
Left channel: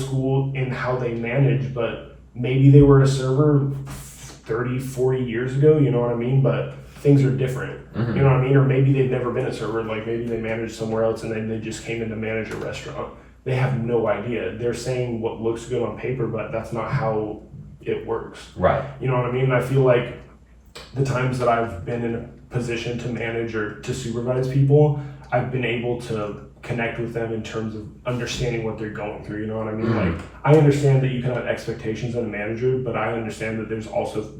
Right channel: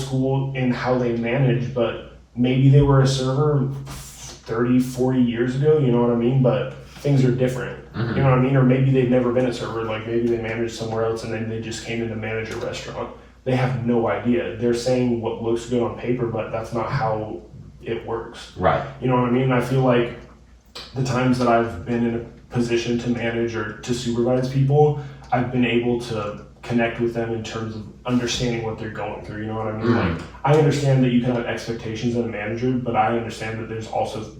school in how they manage, but maybe they were a server 30, 40 years ago, you know what I mean? But things are different. You know what I mean? Or maybe they've never been a server, like maybe they managed somewhere else and then they just came in to manage a restaurant. They have no idea. They're saying what looks good on paper, but that's not how it works. Right. You know what I mean? I feel like the times that I've been in a position to manage or to supervise people, I've been able to connect with them in terms of understanding what they're going through. You know what I mean? Like, I understand that you can have expectations as a manager, but I understand that there's also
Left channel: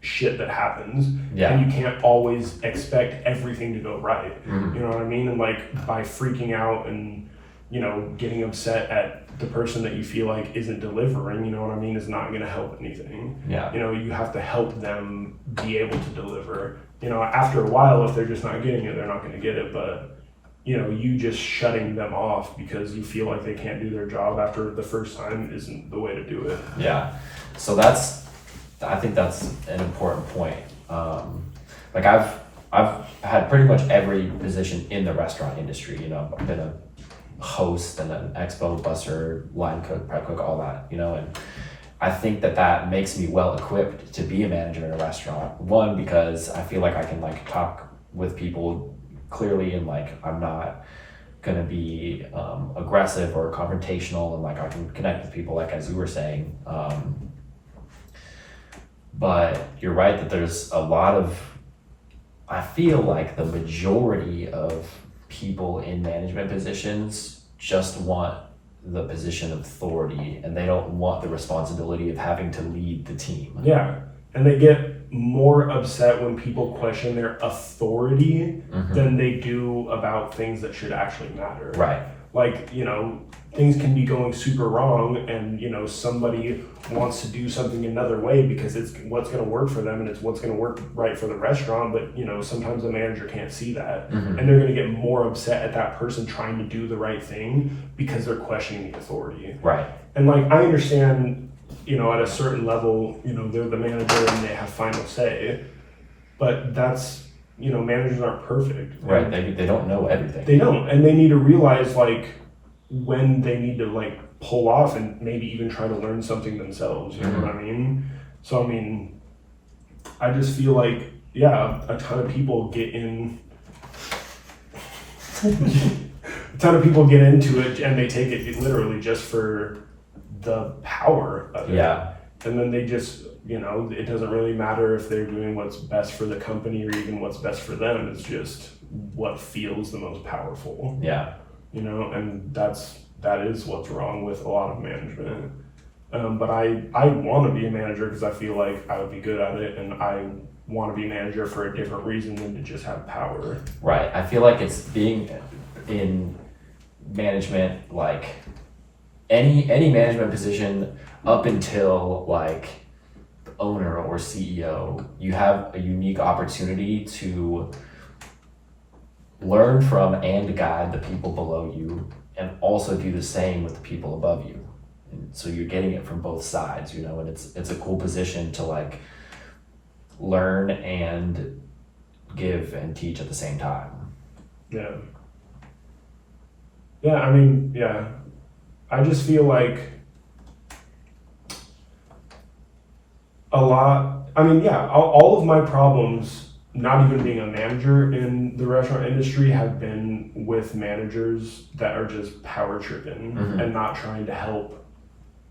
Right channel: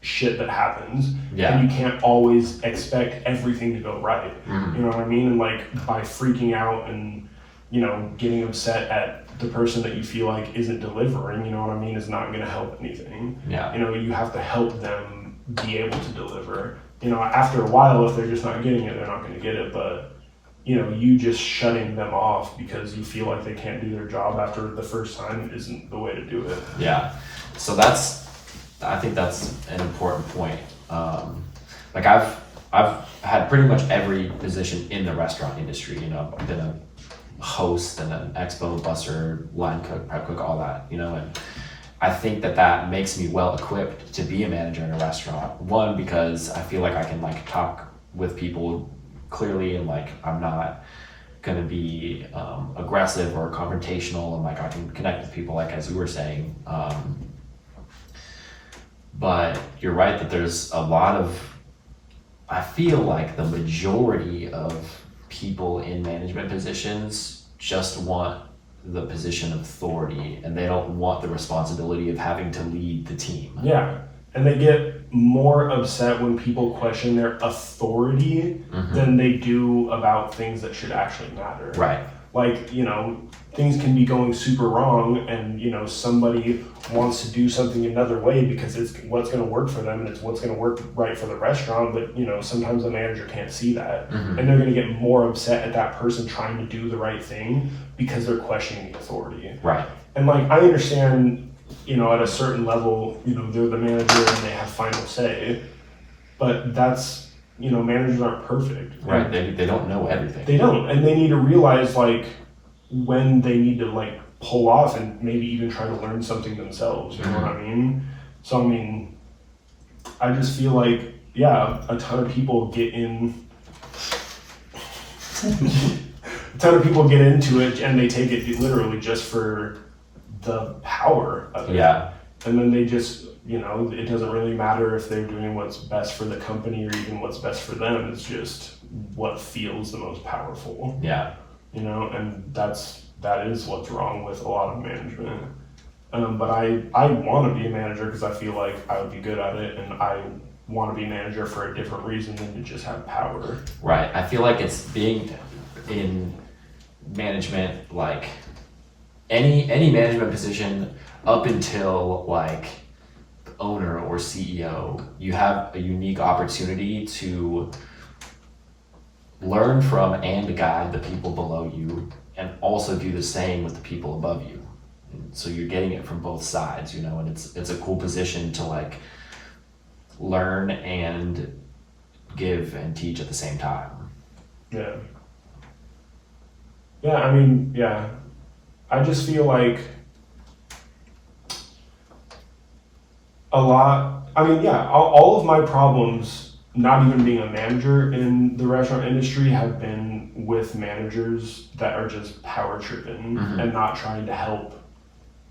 shit that happens, and you can't always expect everything to go right. You know what I mean? And like, by freaking out and, you know, getting upset at the person that you feel like isn't delivering, you know what I mean, is not going to help anything. Yeah. You know, you have to help them be able to deliver. You know, after a while, if they're just not getting it, they're not going to get it. But, you know, you just shutting them off because you feel like they can't do their job after the first time isn't the way to do it. Yeah. So I think that's an important point. Like I've had pretty much every position in the restaurant industry. You know, I've been a host and an expo busser, line cook, prep cook, all that. You know, I think that makes me well equipped to be a manager in a restaurant. One, because I feel like I can like talk with people clearly, and like I'm not gonna be aggressive or confrontational, and like I can connect with people, like as you were saying. But you're right that there's a lot of, I feel like the majority of people in management positions just want the position of authority, and they don't want the responsibility of having to lead the team. Yeah. And they get more upset when people question their authority than they do about things that should actually matter. Right. Like, you know, things can be going super wrong, and, you know, somebody wants to do something another way because it's what's going to work for them and it's what's going to work right for the restaurant. But, you know, sometimes the manager can't see that. And they're going to get more upset at that person trying to do the right thing because they're questioning the authority. Right. And, like, I understand, you know, at a certain level, you know, they're the manager and they have final say. But that's, you know, managers aren't perfect. Right. They don't know everything. They don't. And they need to realize, like, when they need to, like, pull off and maybe even try to learn something themselves. You know what I mean? So, I mean, I just feel like, yeah, a ton of people get in. A ton of people get into it and they take it literally just for the power of it. Yeah. And then they just, you know, it doesn't really matter if they're doing what's best for the company or even what's best for them. It's just what feels the most powerful. Yeah. You know, and that is what's wrong with a lot of management. But I want to be a manager because I feel like I would be good at it, and I want to be a manager for a different reason than to just have power. Right. I feel like it's being in management, like any management position up until like owner or CEO, you have a unique opportunity to learn from and guide the people below you, and also do the same with the people above you. And so you're getting it from both sides, you know, and it's a cool position to like learn and give and teach at the same time. Yeah. Yeah, I mean, yeah. I just feel like all of my problems, not even being a manager in the restaurant industry, have been with managers that are just power tripping and not trying to help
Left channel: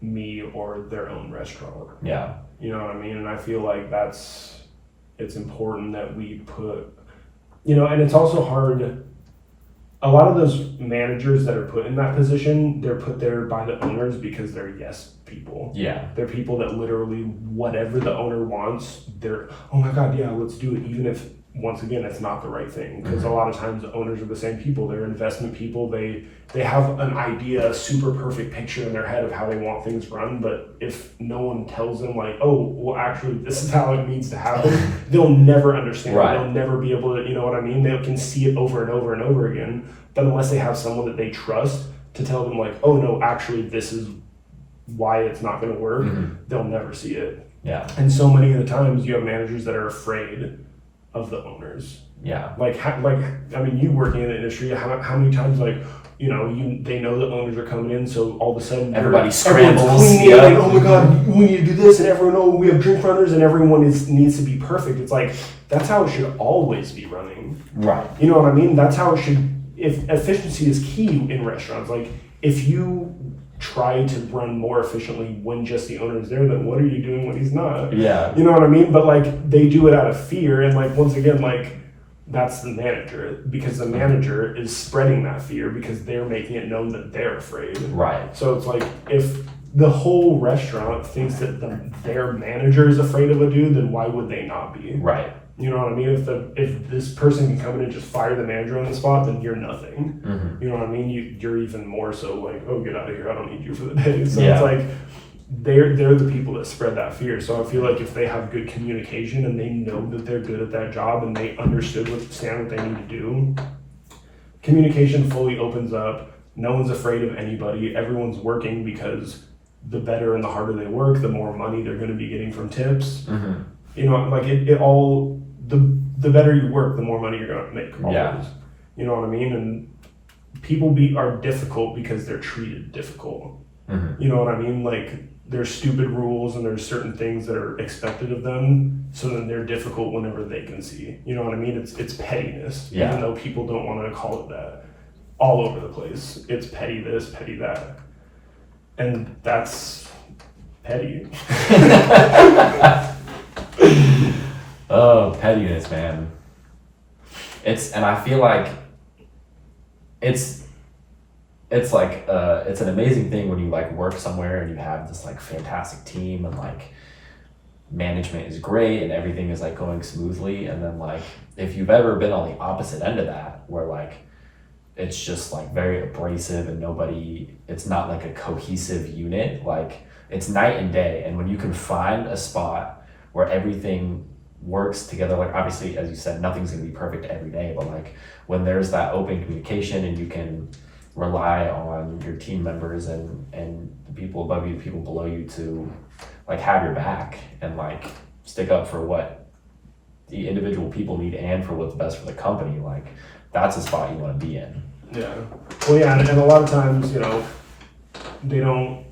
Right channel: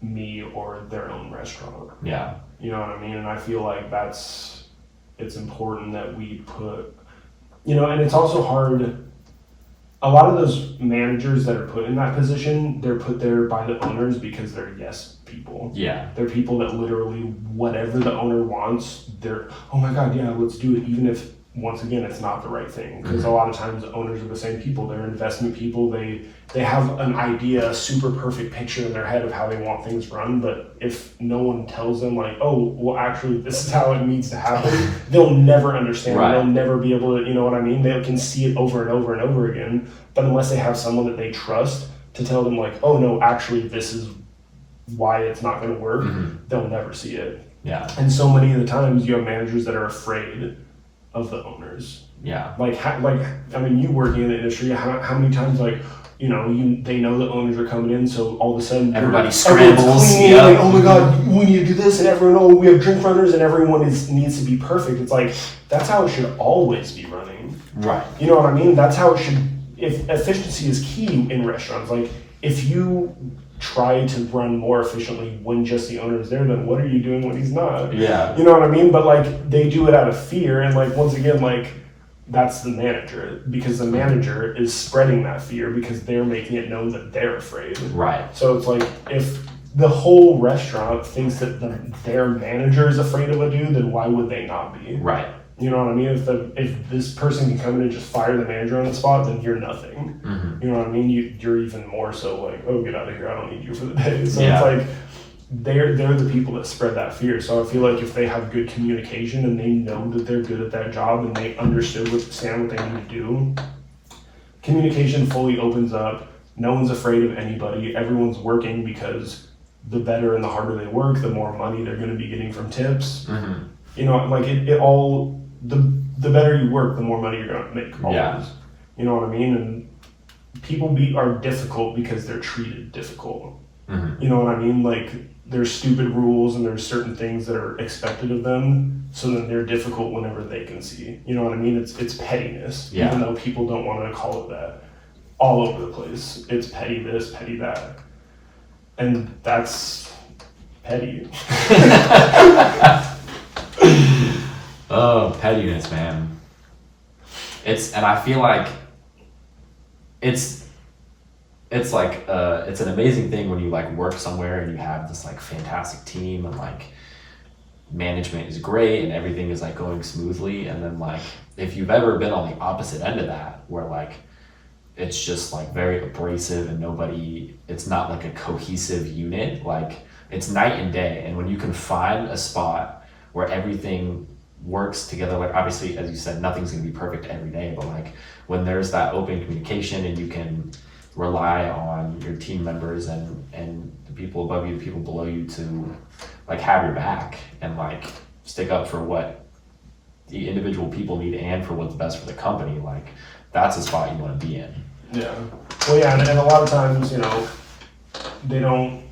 me or their own restaurant. Yeah. You know what I mean? And I feel like it's important that we put, you know, and it's also hard. A lot of those managers that are put in that position, they're put there by the owners because they're yes people. Yeah. They're people that literally, whatever the owner wants, they're, oh my God, yeah, let's do it. Even if, once again, it's not the right thing. Because a lot of times the owners are the same people. They're investment people. They have an idea, a super perfect picture in their head of how they want things run. But if no one tells them like, oh, well, actually, this is how it needs to happen, they'll never understand. Right. They'll never be able to, you know what I mean? They can see it over and over and over again. But unless they have someone that they trust to tell them like, oh no, actually, this is why it's not going to work, they'll never see it. Yeah. And so many of the times you have managers that are afraid of the owners. Yeah. I mean, you working in the industry, how many times, like, you know, they know the owners are coming in, so all of a sudden everybody scrambles. Cleaning, like, oh my God, we need to do this, and everyone, oh, we have drink runners, and everyone needs to be perfect. It's like, that's how it should always be running. Right. You know what I mean? That's how it should. If efficiency is key in restaurants, like if you try to run more efficiently when just the owner is there, then what are you doing when he's not? Yeah. You know what I mean? But like they do it out of fear, and like once again, like that's the manager, because the manager is spreading that fear because they're making it known that they're afraid. Right. So it's like if the whole restaurant thinks that their manager is afraid of a dude, then why would they not be? Right. You know what I mean? If this person can come in and just fire the manager on the spot, then you're nothing. You know what I mean? You're even more so like, oh, get out of here! I don't need you for the day. So it's like they're the people that spread that fear. So I feel like if they have good communication and they know that they're good at that job and they understand what they need to do, communication fully opens up. No one's afraid of anybody. Everyone's working because the better and the harder they work, the more money they're going to be getting from tips. You know, like it all. The better you work, the more money you're going to make. Always. Yeah. You know what I mean? And people are difficult because they're treated difficult. You know what I mean? Like, there's stupid rules and there's certain things that are expected of them, so then they're difficult whenever they can see. You know what I mean? It's pettiness, even though people don't want to call it that. All over the place. It's petty this, petty that. And that's petty. Oh, pettiness, man. And I feel like it's like it's an amazing thing when you like work somewhere and you have this like fantastic team and like management is great and everything is like going smoothly, and then like if you've ever been on the opposite end of that where like it's just like very abrasive and it's not like a cohesive unit, like it's night and day. And when you can find a spot where everything works together, like obviously as you said, nothing's going to be perfect every day, but like when there's that open communication and you can rely on your team members and the people above you, the people below you to like have your back and like stick up for what the individual people need and for what's best for the company, like that's a spot you want to be in. Yeah. Well, yeah, and a lot of times, you know, they don't,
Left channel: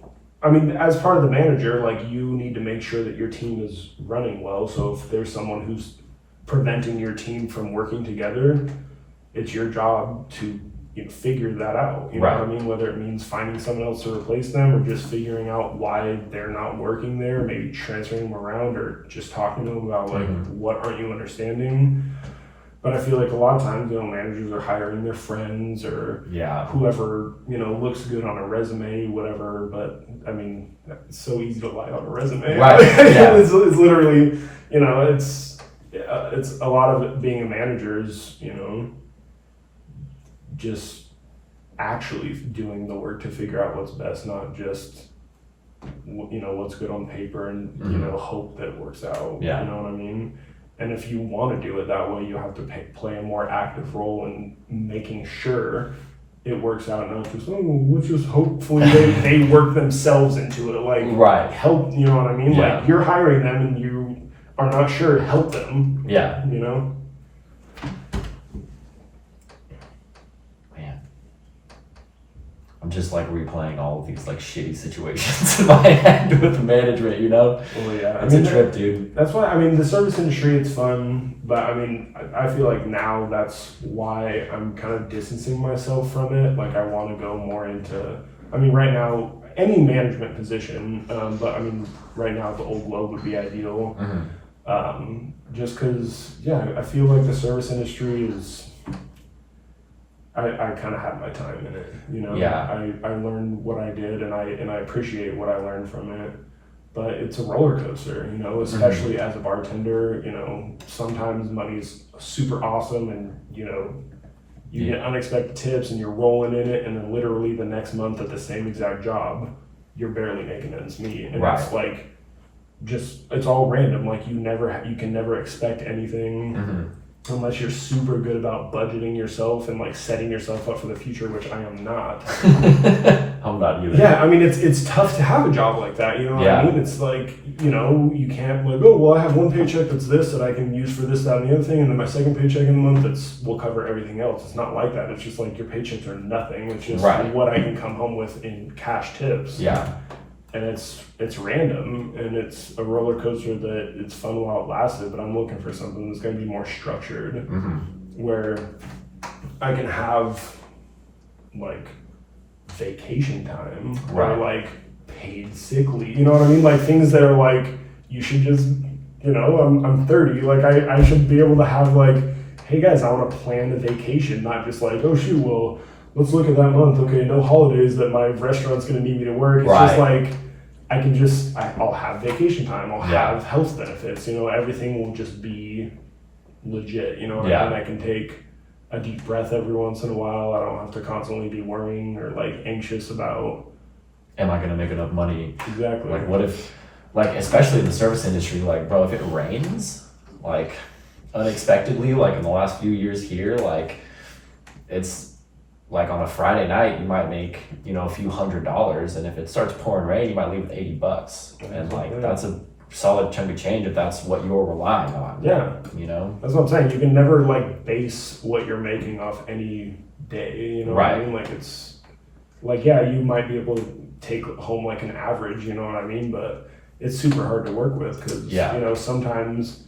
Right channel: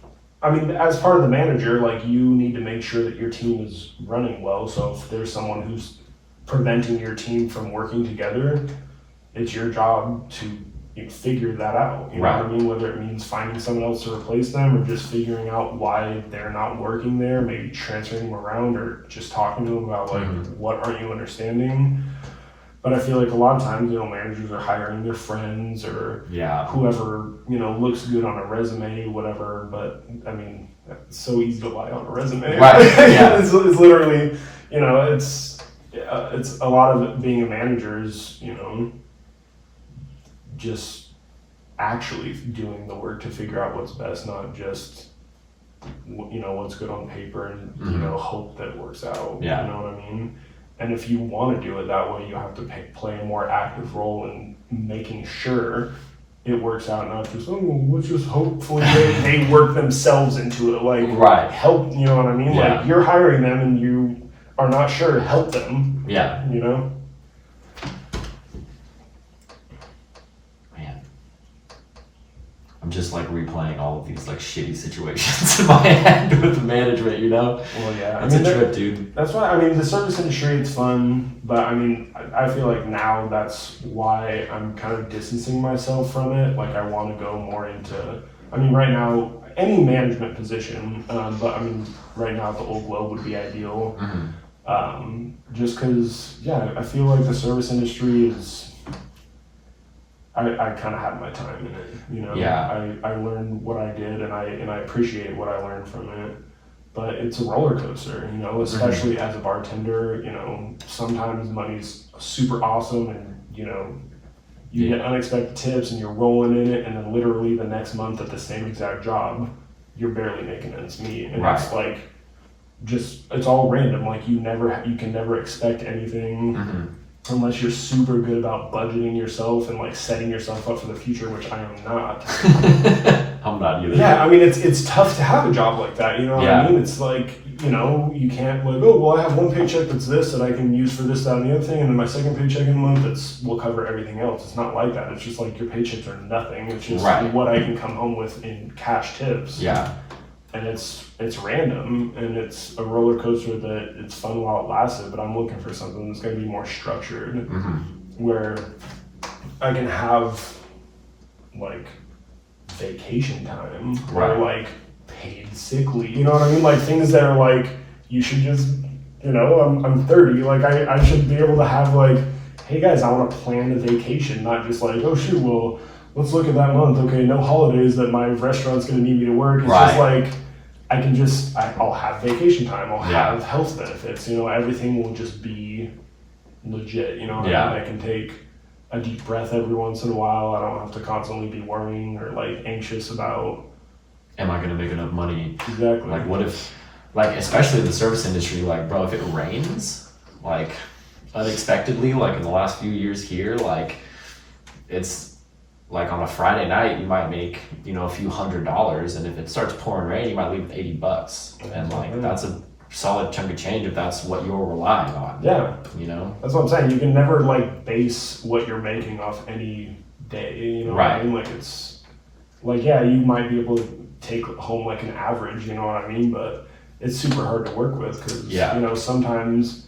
I mean, as part of the manager, like you need to make sure that your team is running well. So if there's someone who's preventing your team from working together, it's your job to figure that out. You know what I mean? Whether it means finding someone else to replace them or just figuring out why they're not working there, maybe transferring them around or just talking to them about like, what aren't you understanding? But I feel like a lot of times, you know, managers are hiring their friends or whoever, you know, looks good on a resume, whatever. But I mean, it's so easy to lie on a resume. Right. Yeah. It's literally, you know, it's a lot of it being a manager is, you know, just actually doing the work to figure out what's best, not just, you know, what's good on paper and, you know, hope that it works out. Yeah. You know what I mean? And if you want to do it that way, you have to play a more active role in making sure it works out, not just, let's just hopefully they work themselves into it. Like, help, you know what I mean? Yeah. Like, you're hiring them and you are not sure, help them. Yeah. You know? Man. I'm just like replaying all of these like shitty situations in my head with the management, you know? Well, yeah. It's a trip, dude. That's why, I mean, the service industry, it's fun, but I mean, I feel like now that's why I'm kind of distancing myself from it. Like, I want to go more into, I mean, right now, any management position, but I mean, right now at the Old Globe would be ideal. Just because, yeah, I feel like the service industry is, I kind of had my time in it, you know. I learned what I did, and I appreciate what I learned from it. But it's a roller coaster, you know, especially as a bartender. You know, sometimes money's super awesome, and you know, you get unexpected tips, and you're rolling in it, and then literally the next month at the same exact job, you're barely making ends meet, and it's like, just it's all random. Like you can never expect anything. Unless you're super good about budgeting yourself and like setting yourself up for the future, which I am not. I'm not either. Yeah, I mean it's tough to have a job like that. You know what I mean? It's like, you know, you can't like, oh well, I have one paycheck that's this that I can use for this, that, and the other thing, and then my second paycheck in the month will cover everything else. It's not like that. It's just like your paychecks are nothing. It's just what I can come home with in cash tips. Yeah. And it's random and it's a roller coaster that it's fun while it lasted, but I'm looking for something that's going to be more structured, where I can have like vacation time or like paid sick leave. You know what I mean? Like things that are like, you should just, you know, I'm 30, like I should be able to have like, hey guys, I want to plan a vacation, not just like, oh shoot, well, let's look at that month. Okay, no holidays that my restaurant's going to need me to work. It's just like, I'll have vacation time. I'll have health benefits. You know, everything will just be legit. You know, I can take a deep breath every once in a while. I don't have to constantly be worrying or like anxious about, am I going to make enough money? Exactly. Like what if, like especially in the service industry, like bro, if it rains, like unexpectedly, like in the last few years here, like it's, like on a Friday night, you might make, you know, a few $100s, and if it starts pouring rain, you might leave with $80, and like that's a solid chunk of change if that's what you're relying on. Yeah, you know, that's what I'm saying. You can never like base what you're making off any day. You know what I mean? Like it's like, yeah, you might be able to take home like an average, you know what I mean? But it's super hard to work with because, you know, sometimes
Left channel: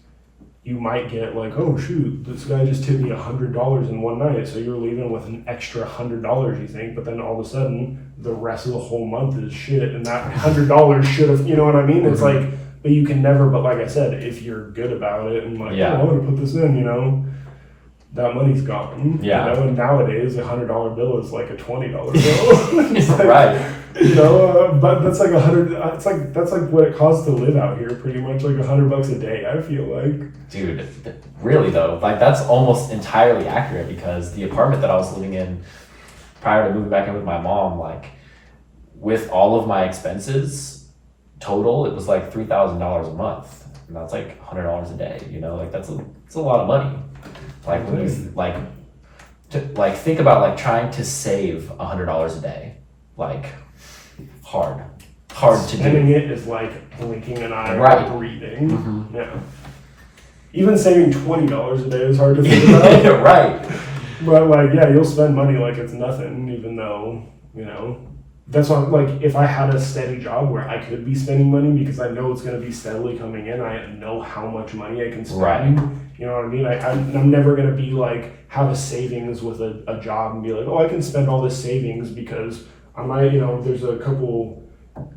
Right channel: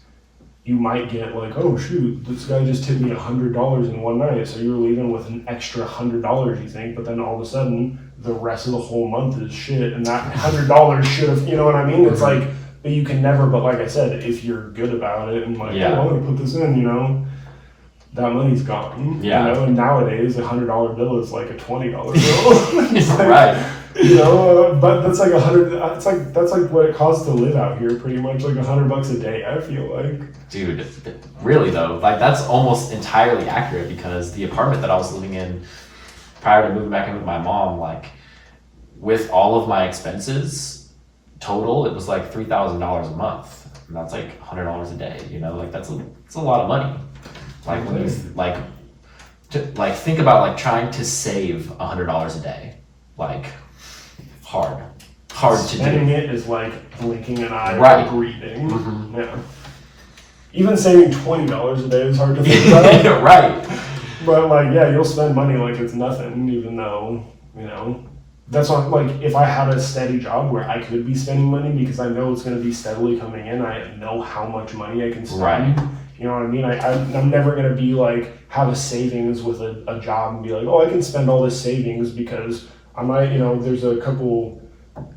you might get like, oh shoot, this guy just tipped me $100 in one night. So you're leaving with an extra $100, you think, but then all of a sudden the rest of the whole month is shit. And that $100 should have, you know what I mean? It's like, but you can never, but like I said, if you're good about it and like, oh, I'm going to put this in, you know, that money's gone. Yeah. You know, and nowadays a $100 bill is like a $20 bill. It's like, right. You know, but that's like that's like what it costs to live out here, pretty much like $100 a day. I feel like. Dude, really though, like that's almost entirely accurate because the apartment that I was living in prior to moving back in with my mom, like with all of my expenses total, it was like $3,000 a month, and that's like $100 a day. You know, like that's a lot of money. Like when you think about like trying to save $100 a day, like hard to do. Spending it is like blinking an eye or breathing. Mm-hmm. Yeah. Even saving $20 a day is hard to think about. Right. But like, yeah, you'll spend money like it's nothing, even though, you know, that's what, like, if I had a steady job where I could be spending money because I know it's going to be steadily coming in, I know how much money I can spend. Right. You know what I mean? I'm never going to be like, have a savings with a job and be like, oh, I can spend all this savings because I might, you know, there's a couple,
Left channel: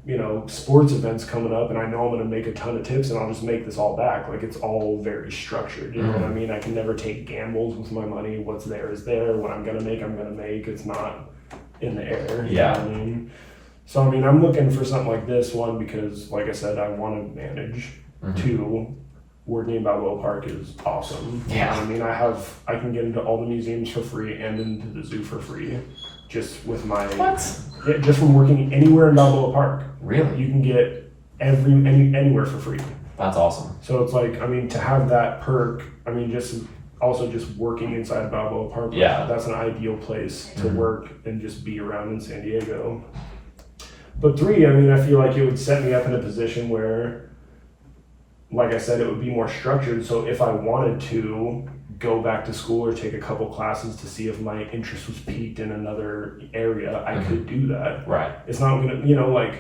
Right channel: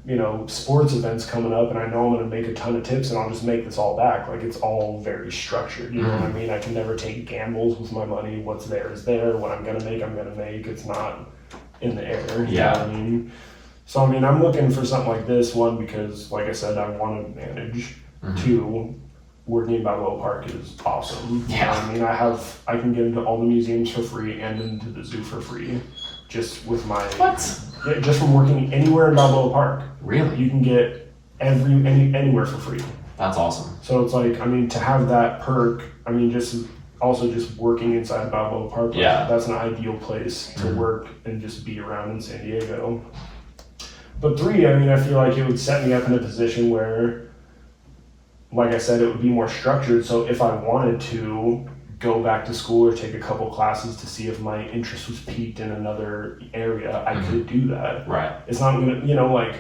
you know, sports events coming up and I know I'm going to make a ton of tips and I'll just make this all back. Like, it's all very structured. You know what I mean? I can never take gambles with my money. What's there is there. What I'm going to make, I'm going to make. It's not in the air. You know what I mean? So, I mean, I'm looking for something like this, one, because, like I said, I want to manage. Two, working in Balboa Park is awesome. Yeah. You know what I mean? I can get into all the museums for free and into the zoo for free. Just with my... What? Yeah, just from working anywhere in Balboa Park. Really? You can get anywhere for free. That's awesome. So it's like, I mean, to have that perk, I mean, just working inside of Balboa Park, that's an ideal place to work and just be around in San Diego. But three, I mean, I feel like it would set me up in a position where, like I said, it would be more structured. So if I wanted to go back to school or take a couple classes to see if my interest was piqued in another area, I could do that. Right. It's not gonna, you know, like,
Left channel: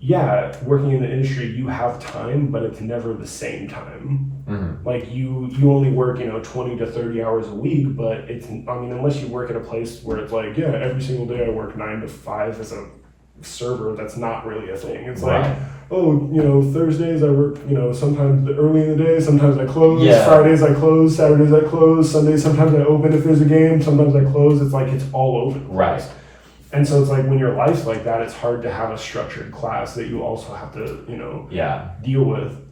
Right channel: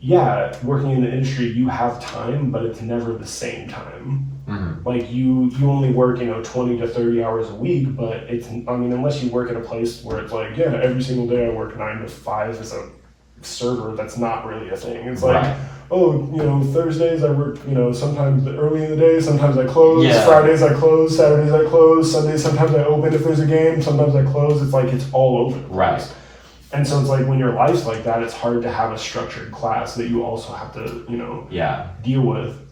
yeah, working in the industry, you have time, but it's never the same time. Like you only work, you know, 20 to 30 hours a week, but it's, I mean, unless you work at a place where it's like, yeah, every single day I work 9 to 5 as a server, that's not really a thing. It's like, oh, you know, Thursdays I work, you know, sometimes early in the day, sometimes I close, Fridays I close, Saturdays I close, Sundays sometimes I open if there's a game, sometimes I close. It's like, it's all over the place. Right. And so it's like, when your life's like that, it's hard to have a structured class that you also have to, you know, deal with.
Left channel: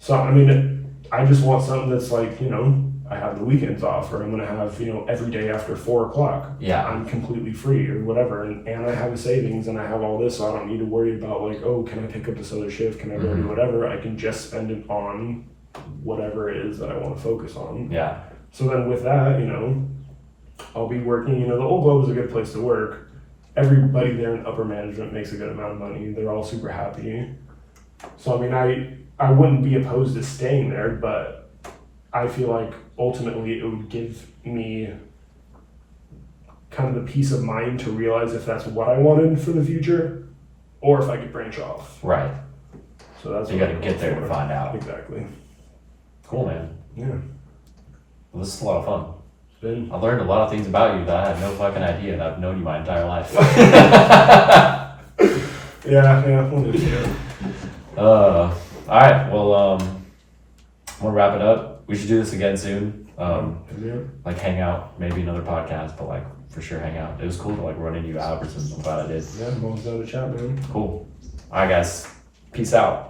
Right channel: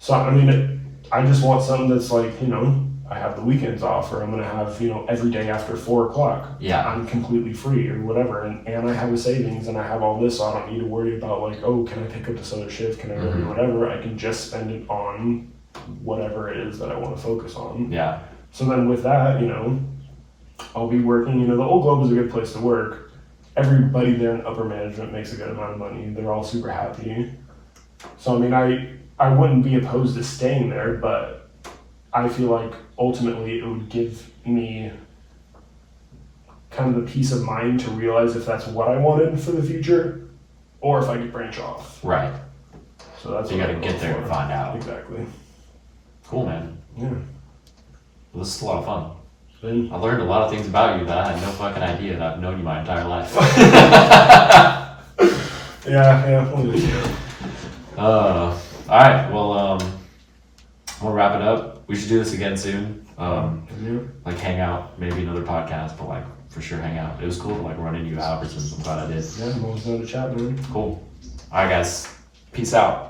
So, I mean, I just want something that's like, you know, I have the weekends off, or I'm going to have, you know, every day after 4 o'clock. I'm completely free or whatever. And I have a savings and I have all this, so I don't need to worry about like, oh, can I pick up this other shift? Can I go do whatever? I can just spend it on whatever it is that I want to focus on. So then with that, you know, I'll be working, you know, the Old Globe is a good place to work. Everybody there in upper management makes a good amount of money. They're all super happy. So, I mean, I wouldn't be opposed to staying there, but I feel like ultimately it would give me kind of the peace of mind to realize if that's what I wanted for the future or if I could branch off. Right. So that's, you got to get there and find out. Exactly. Cool, man. Yeah. Well, this is a lot of fun. I learned a lot of things about you that I had no fucking idea, and I've known you my entire life. Yeah. All right. Well, we'll wrap it up. We should do this again soon. Like hang out, maybe another podcast, but like for sure hang out. It was cool to like run into you, Albertsons. I'm glad I did. Yeah, I'm always down to chat, man. Cool. All right, guys. Peace out.